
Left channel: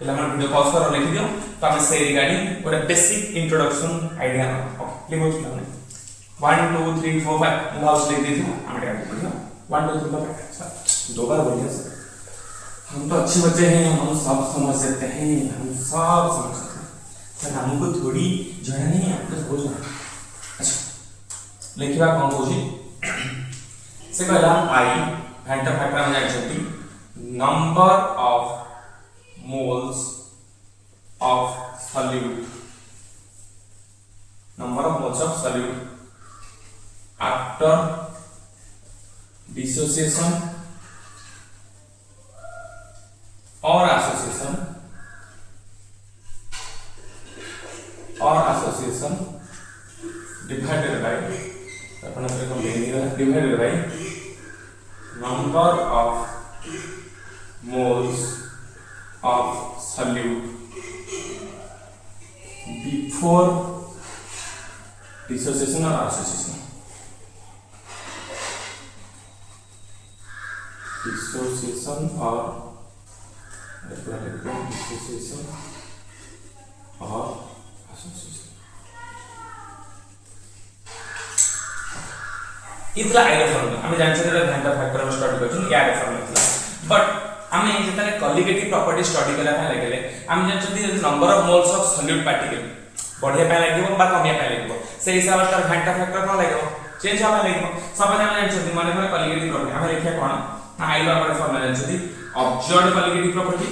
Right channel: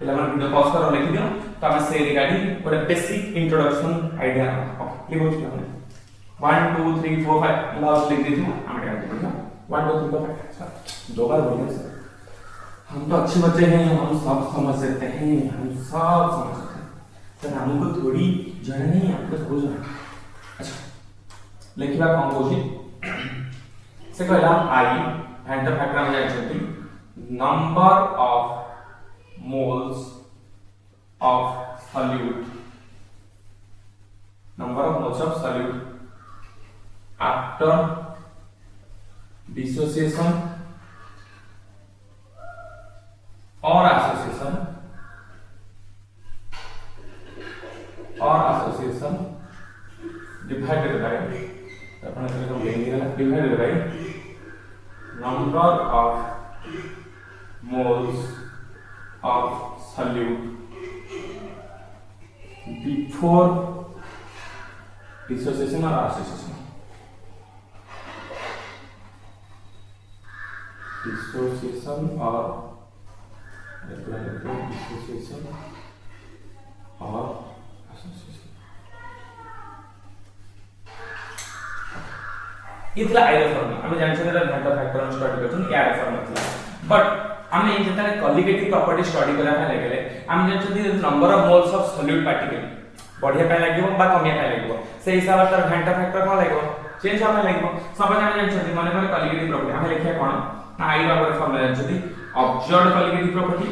पहले हम वीडियो पॉज कर लिख दियो तो हमें से रिगार्डिंग पूरा बेसिक इंट्रोडक्शन आईडिया ओके लिख हो हमने 1 2 3 4 5 लास्ट लिख दीजिए हम क्या करेंगे 1 2 3 4 5 सर दो बार बोलिए सर, हम तो अच्छे बच्चे हैं, हम सब समझ सकते हैं, हम सब समझ सकते हैं सर, हमको थोड़ी जाना नहीं है आपको हो जाना। अच्छा लिखिए आप कंपोजिट से कहला आई वेंटर फैक्टर हम जानते number of moles of solute, number of moles of solute after dissociation और एसोसिएशन डिवाइडेड बाय अपना को divided by number of moles of solute before dissociation और एसोसिएशन, डिसोसिएशन और डिसोसिएशन और एसोसिएशन इतला आइडिया फॉर्मूला हमें जान सकते हैं वेंटर फैक्टर में स्टडी करछन यार फॉर्मूला बट हमें जेता कॉलिगेटिव प्रॉपर्टी स्टडी करा ପାଇଁ लागले हम जान सकते number of moles of solute particle बढ़िया ପାଇଁ लागिबो बा कमिया ପାଇଁ लागिबो से हिसाब से वेंटर फैक्टर न लागिबो चेंज होबा लागिबो सपोज हम जान सकते माने माने कॉलिगेटिव प्रॉपर्टी हम लिखिया कोन ना आई नंबर फॉर्मूला जान सकते observed colligative property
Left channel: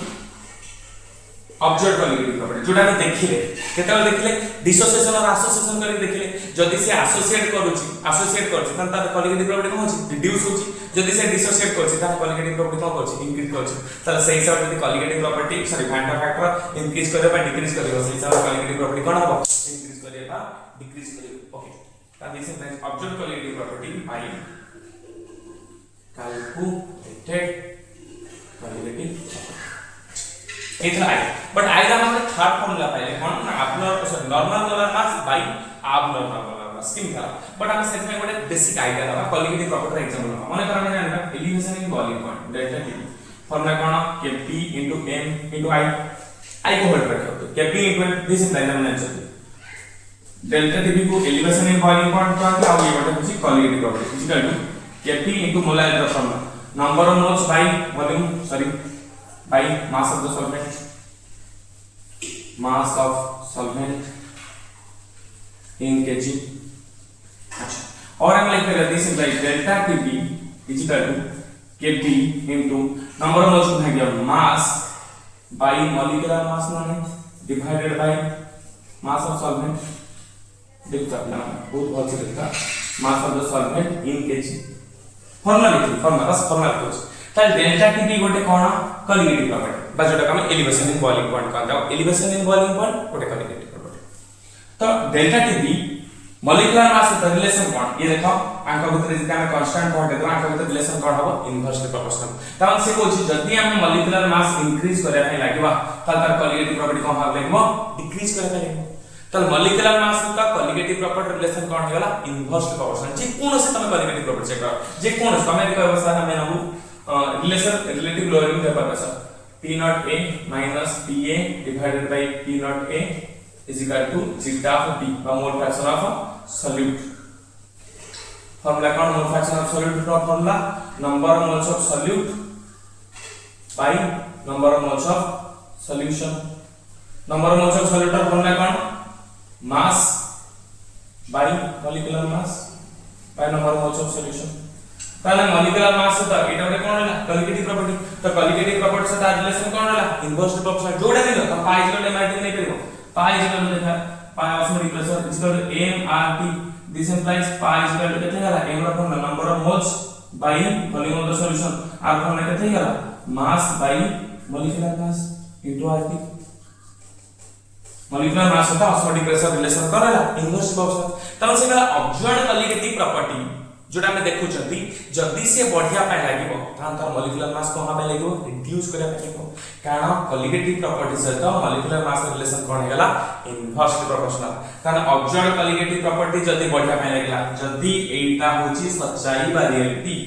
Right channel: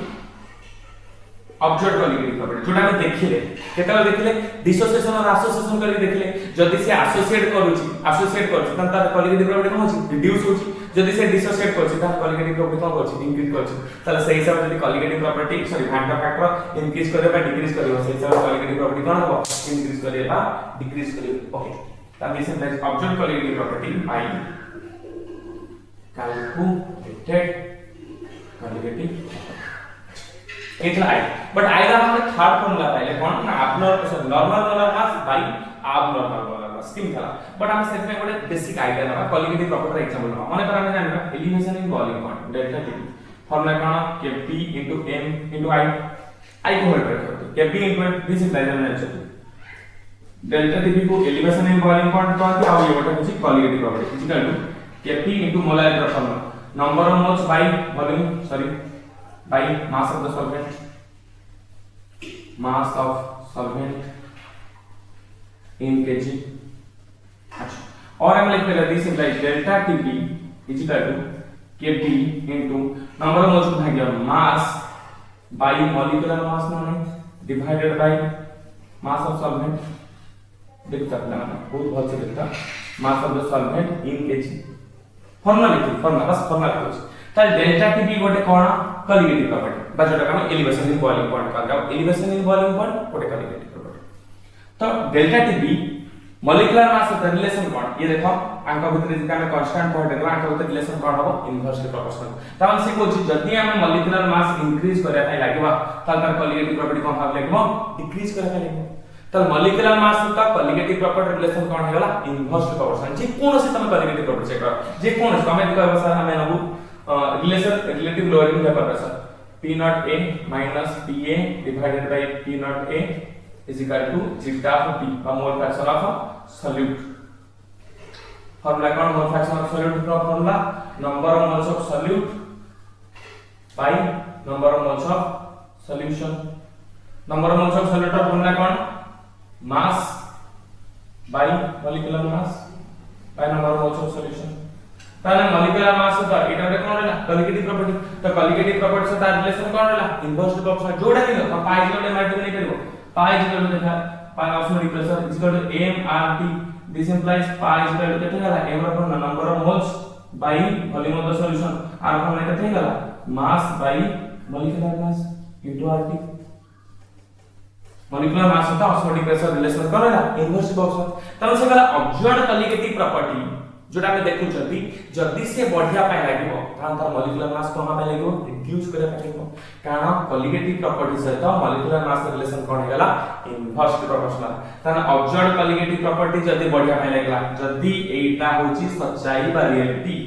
observe colligative property जोटा हम देखिले केतला देखिले डिसोसिएशन और एसोसिएशन करी देखिले जदि से एसोसिएट करूची त तार कॉलिगेटिव प्रॉपर्टी कोन होची रिड्यूस होची, जदि से डिसोसिएट करछि त कॉलिगेटिव प्रॉपर्टी कोन करछि इंक्रीज करछि, तले सही हिसाब से colligative property sorry van't Hoff factor increase करे बा डिक्रीज करियो सही हिसाब से कॉलिगेटिव प्रॉपर्टी कोन हबो इंक्रीज करे बा डिक्रीज करियो ओके तब इसे like observe colligative property bye calculated colligative इतना है बट आइडिया मतलब थर्ड फॉर्मूला पहले कौन ना abnormal normal molar mass by abnormal molar mass किन थला बट हम सेट में ଗୋଟେ बेसिक आइडिया ना कॉलिगेटिव प्रॉपर्टी एग्जांपल ना माने करने जानबा elevation in volume point delta T formula कौन Kp m I को हट रखो तो Kp दिस इज लाइन में आंसर डेल्टा टी को एलिवेशन इन वॉल्यूम पॉइंट कहते आ ये बटा किसी colligative property equal to Kp molar formula number of moles by volume sorry by mass of the solvent in kg। अच्छा और हम लिख लेते हैं simple delta Tb is equal to Kp into number of moles है क्या mass by molecular mass ना divided by mass of solvent देख सकते हैं बहुत से लिखता mass of the solvent in kg formula लिखो फॉर्मूला बस फॉर्मूला लिखो ताल डेल्टा Tb गोटे कोन कॉलिगेटिव प्रॉपर्टी बस जोटा हम एलिवेशन इन वॉल्यूम पॉइंट कहता है एलिवेशन इन वॉल्यूम पॉइंट गोटे कॉलिगेटिव प्रॉपर्टी तो डेल्टा Tb मॉलिक्यूलर मास सहित रिलेशन कोन ये देखो अंक भीतर जदि हम कांस्टेंट पॉइंट देखो अंक भीतर रिलेशन कोन हबो इनवर्सली प्रोपोर्शनल तब से कोछि जदि हम मॉलिक्यूलर मास इंक्रीज करे ପାଇଁ लागबा ताल तार कॉलिगेटिव प्रॉपर्टी कोन भाग लागबो डिक्रीज करे ପାଇଁ लागबो ताल मॉलिक्यूलर मास का कॉलिगेटिव प्रॉपर्टी रिलेशन कोन हेला इनवर्सली प्रोपोर्शनल जे कोन से तमे कॉलिगेटिव प्रॉपर्टी चेक कर जे कोन तमे देखो सर हमें Nabu relation relative lowering paper का sir P naught A minus PA divided by P naught A is equal to zeta of T a mole fraction of solute formula कौन mole fraction of solute का formula number of moles of solute by number of moles of solution number of moles of solute का formula कौन mass by molecular mass by number of moles of solution ताले molecular mass सहित एटा गोटे कोन होला colligative property तो colligative property सहित relation कोन होला inverse proportional जोडा दिलो तो पाई जिरो एमआरटी नै परिबो पाई जिरो देखा पाई osmotic pressure is equal to MRT this implies पाई जिरो केते होला m रो कोन number of moles by volume of the solution R कोन केते होला mass by molecular mass into RT molecular mass होता ऑस्मोटिक प्रेशर रिलेशन कोन होला इनवर्स प्रोपोर्शनल तनो सेला ऑब्जर्व्ड कॉलिगेटिव प्रॉपर्टी जोटा हम देखु छथि जदी से बढ़िया पाए लागिबो तान तार मॉलिक्यूलर मास कोन पाए लागिबो रिड्यूस करे पाए लागिबो कारण कॉलिगेटिव प्रॉपर्टी सहित मॉलिक्यूलर मास रिलेशन कोन हेला इनवर्स प्रोपोर्शनल तान ऑब्जर्व्ड कॉलिगेटिव प्रॉपर्टी जदी बढ़िया पाए लागला जदी एटा होची सच्चाई बा reality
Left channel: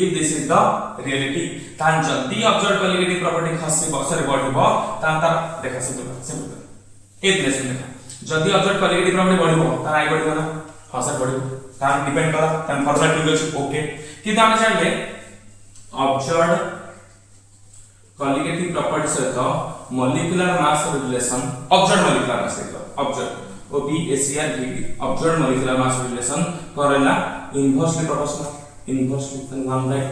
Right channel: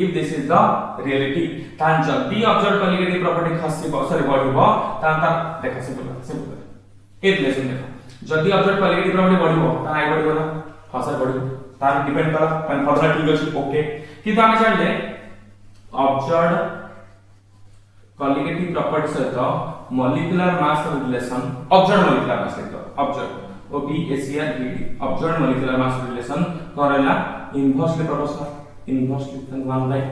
if this is the reality तान जदी ऑब्जर्व्ड कॉलिगेटिव प्रॉपर्टी खसी बसरे बढ़िबो तान तार देखा सिंपल ए रिलेशन देखा जदी ऑब्जर्व्ड कॉलिगेटिव प्रॉपर्टी बढ़िबो तान आइ बढ़िबो ना हसर बढ़िबो तान डिपेंड करा तान फॉर्मूला ठीक अछि ओके किंतु हम जानले ऑब्जर्व्ड कॉलिगेटिव प्रॉपर्टी सहित molecular mass relation observed molecular mass सहित observed O B A C R V observed molecular mass relation करला इनवर्सली प्रोपोर्शनल इनवर्सली तन 1 बाय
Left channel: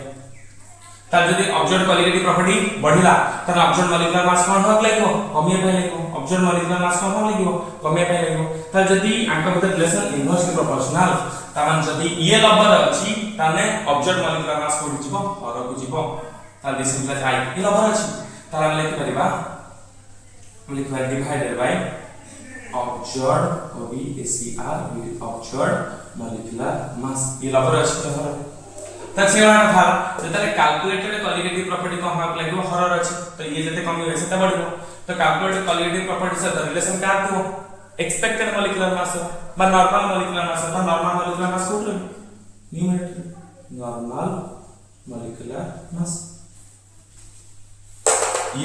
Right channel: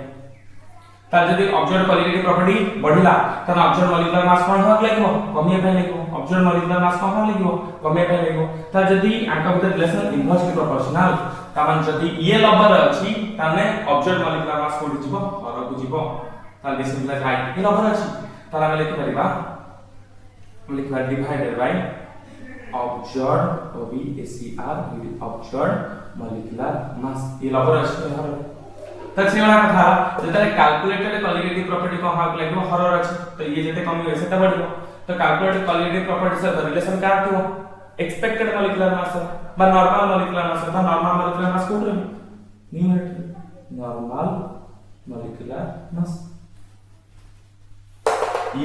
तार जदी ऑब्जर्व्ड कॉलिगेटिव प्रॉपर्टी बढ़िला तन ऑब्जर्व्ड मॉलिक्यूलर मास कोन होक लागो कमिया पाए लागो ऑब्जर्व्ड मॉलिक्यूलर मास कोन होक लागो कमिया पाए लागो तार जदी आंका भितर रिलेशन इनवर्सली प्रोपोर्शनल तामान जदी ये लबर अछि ताने ऑब्जर्व्ड मॉलिक्यूलर मास कोड जिवो और को जिवो ताले सिंपल हाई ये लबर अछि ताला हम लिखि परिबा हम लिखि परिबा divided by observed O B A C R observed molecular mass ये लबर अछि तसे हम था जते कैलकुलेटेड कॉलिगेटिव प्रॉपर्टी को हम लागो हरर अछि तो ये जते कमी होय सेते बढ़िबो तो कैलकुलेटेड कॉलिगेटिव प्रॉपर्टी से रिलेशन क्या थियो एक्सपेक्टेड मॉलिक्यूलर मास बा नॉर्मल मॉलिक्यूलर मास बा नॉर्मल मॉलिक्यूलर मास कोड रे न्यूमेरिकल नॉर्मल मॉलिक्यूलर मास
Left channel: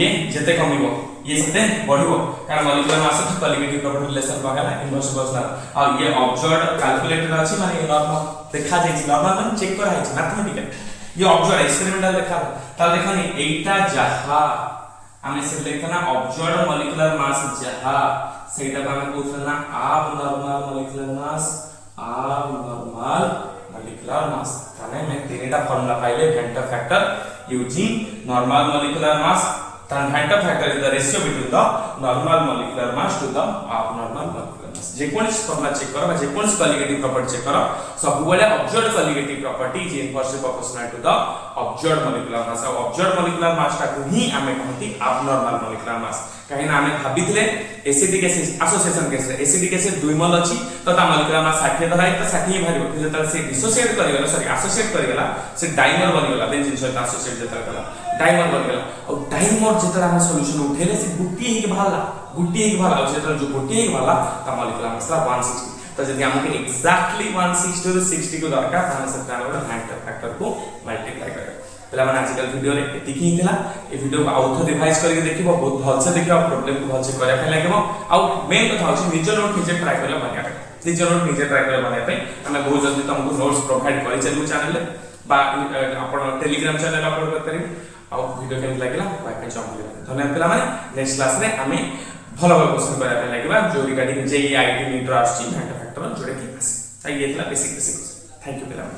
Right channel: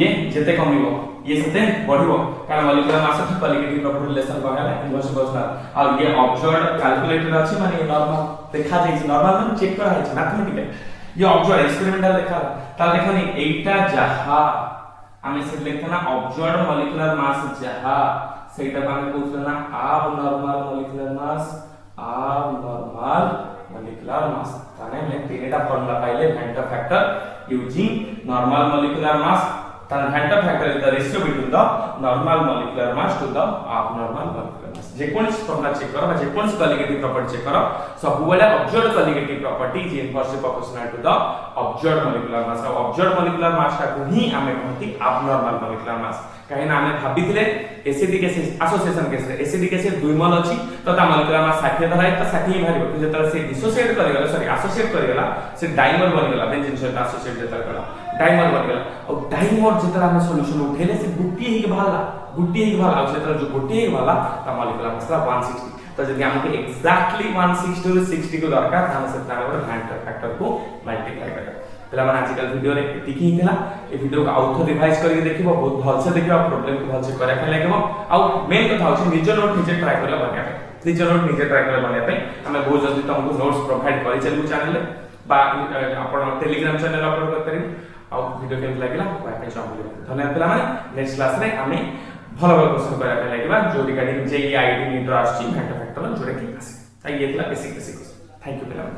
ये जते कमिबो ये सेते बढ़िबो कारण मॉलिक्यूलर मास से कॉलिगेटिव प्रॉपर्टी रिलेशन बगैर इनवर्स प्रोपोर्शनल और ये ऑब्जर्व्ड कैलकुलेटेड अछि माने नॉर्मल देखा जाय नॉर्मल माने चेक करा है मैथमेटिकल ये ऑब्जर्व एक्सपेरिमेंटल देखा ता देखनी एटा जहा हमें से लिखना ऑब्जर्व्ड मॉलिक्यूलर मास जहा सेटा हमें पूछना अब नॉर्मल मॉलिक्यूलर मास अब नॉर्मल मॉलिक्यूलर मास ताने में तीनटा फार्मूला पाइले van't Hoff factor using normal molecular mass तान van't Hoff factor is the ratio between the normal molecular mass to the abnormal molecular mass जे कोन फार्मूला चेक करो जे कोन कॉलिगेटिव प्रॉपर्टी चेक करो सब बोले observed colligative property is inversely proportional to the observed molecular mass और observed molecular मास ता को ही हमें कहती abnormal मॉलिक्यूलर मास कहीं ना हमें भाबितले एसिडिक एसिड एसोसिएशन केस रे एसिडिक एसिड 2 मोल अछि तो ता मॉलिक्यूलर मास 60 धराई तो 60 ही भारिबो कि जतल से डिसोसिएट करि गेला सॉरी एसोसिएट करि गेला से डाइमर बनि गेला बेंजीन सहित एसोसिएट जतल कला डाइमर बनि गेला और डाइमर जतल हम सॉल्यूशन उठेले से गुट्टी ही भाला गुट्टी ही भाला और जतल जो गुट्टी ही भाला ता मॉलिक्यूलर मास 160 तो जदी हमके एग्जैक्टली 160 ରୁ 60 को दरकार ताने से ताने गोटे वेंटर फैक्टर को मल्टीप्लाई करे पहला माने आजकल वीडियो रे एतिक ही थिला ए वीडियो को आउथ रिवाइज करके देखिबो बहुत भल से देखिबो प्रॉब्लम को भल से करे पे लागबो आ मेन कथा होची निज नोट निजे ट्राई करला बनिया पे निज नोट निजे ट्राई करला बनिया पे हमें बहुत जल्दी तुमको नोट्स प्रोवाइड करि चलबो चैनल रे बा आपण टेलीग्राम चैनल अपलोड कर परिबो आ वीडियो केन लागला वाइफाई चंबली धन्यवाद पिला माने नेक्स्ट क्लास रे हमें भलो भलो क्वेश्चन करा पे लागबा जो रिगार्डिंग जेई आईडी नीट आछि वेंटर फैक्टर जोडे की आसी ताई येतला बेसिक थैंक यू पिला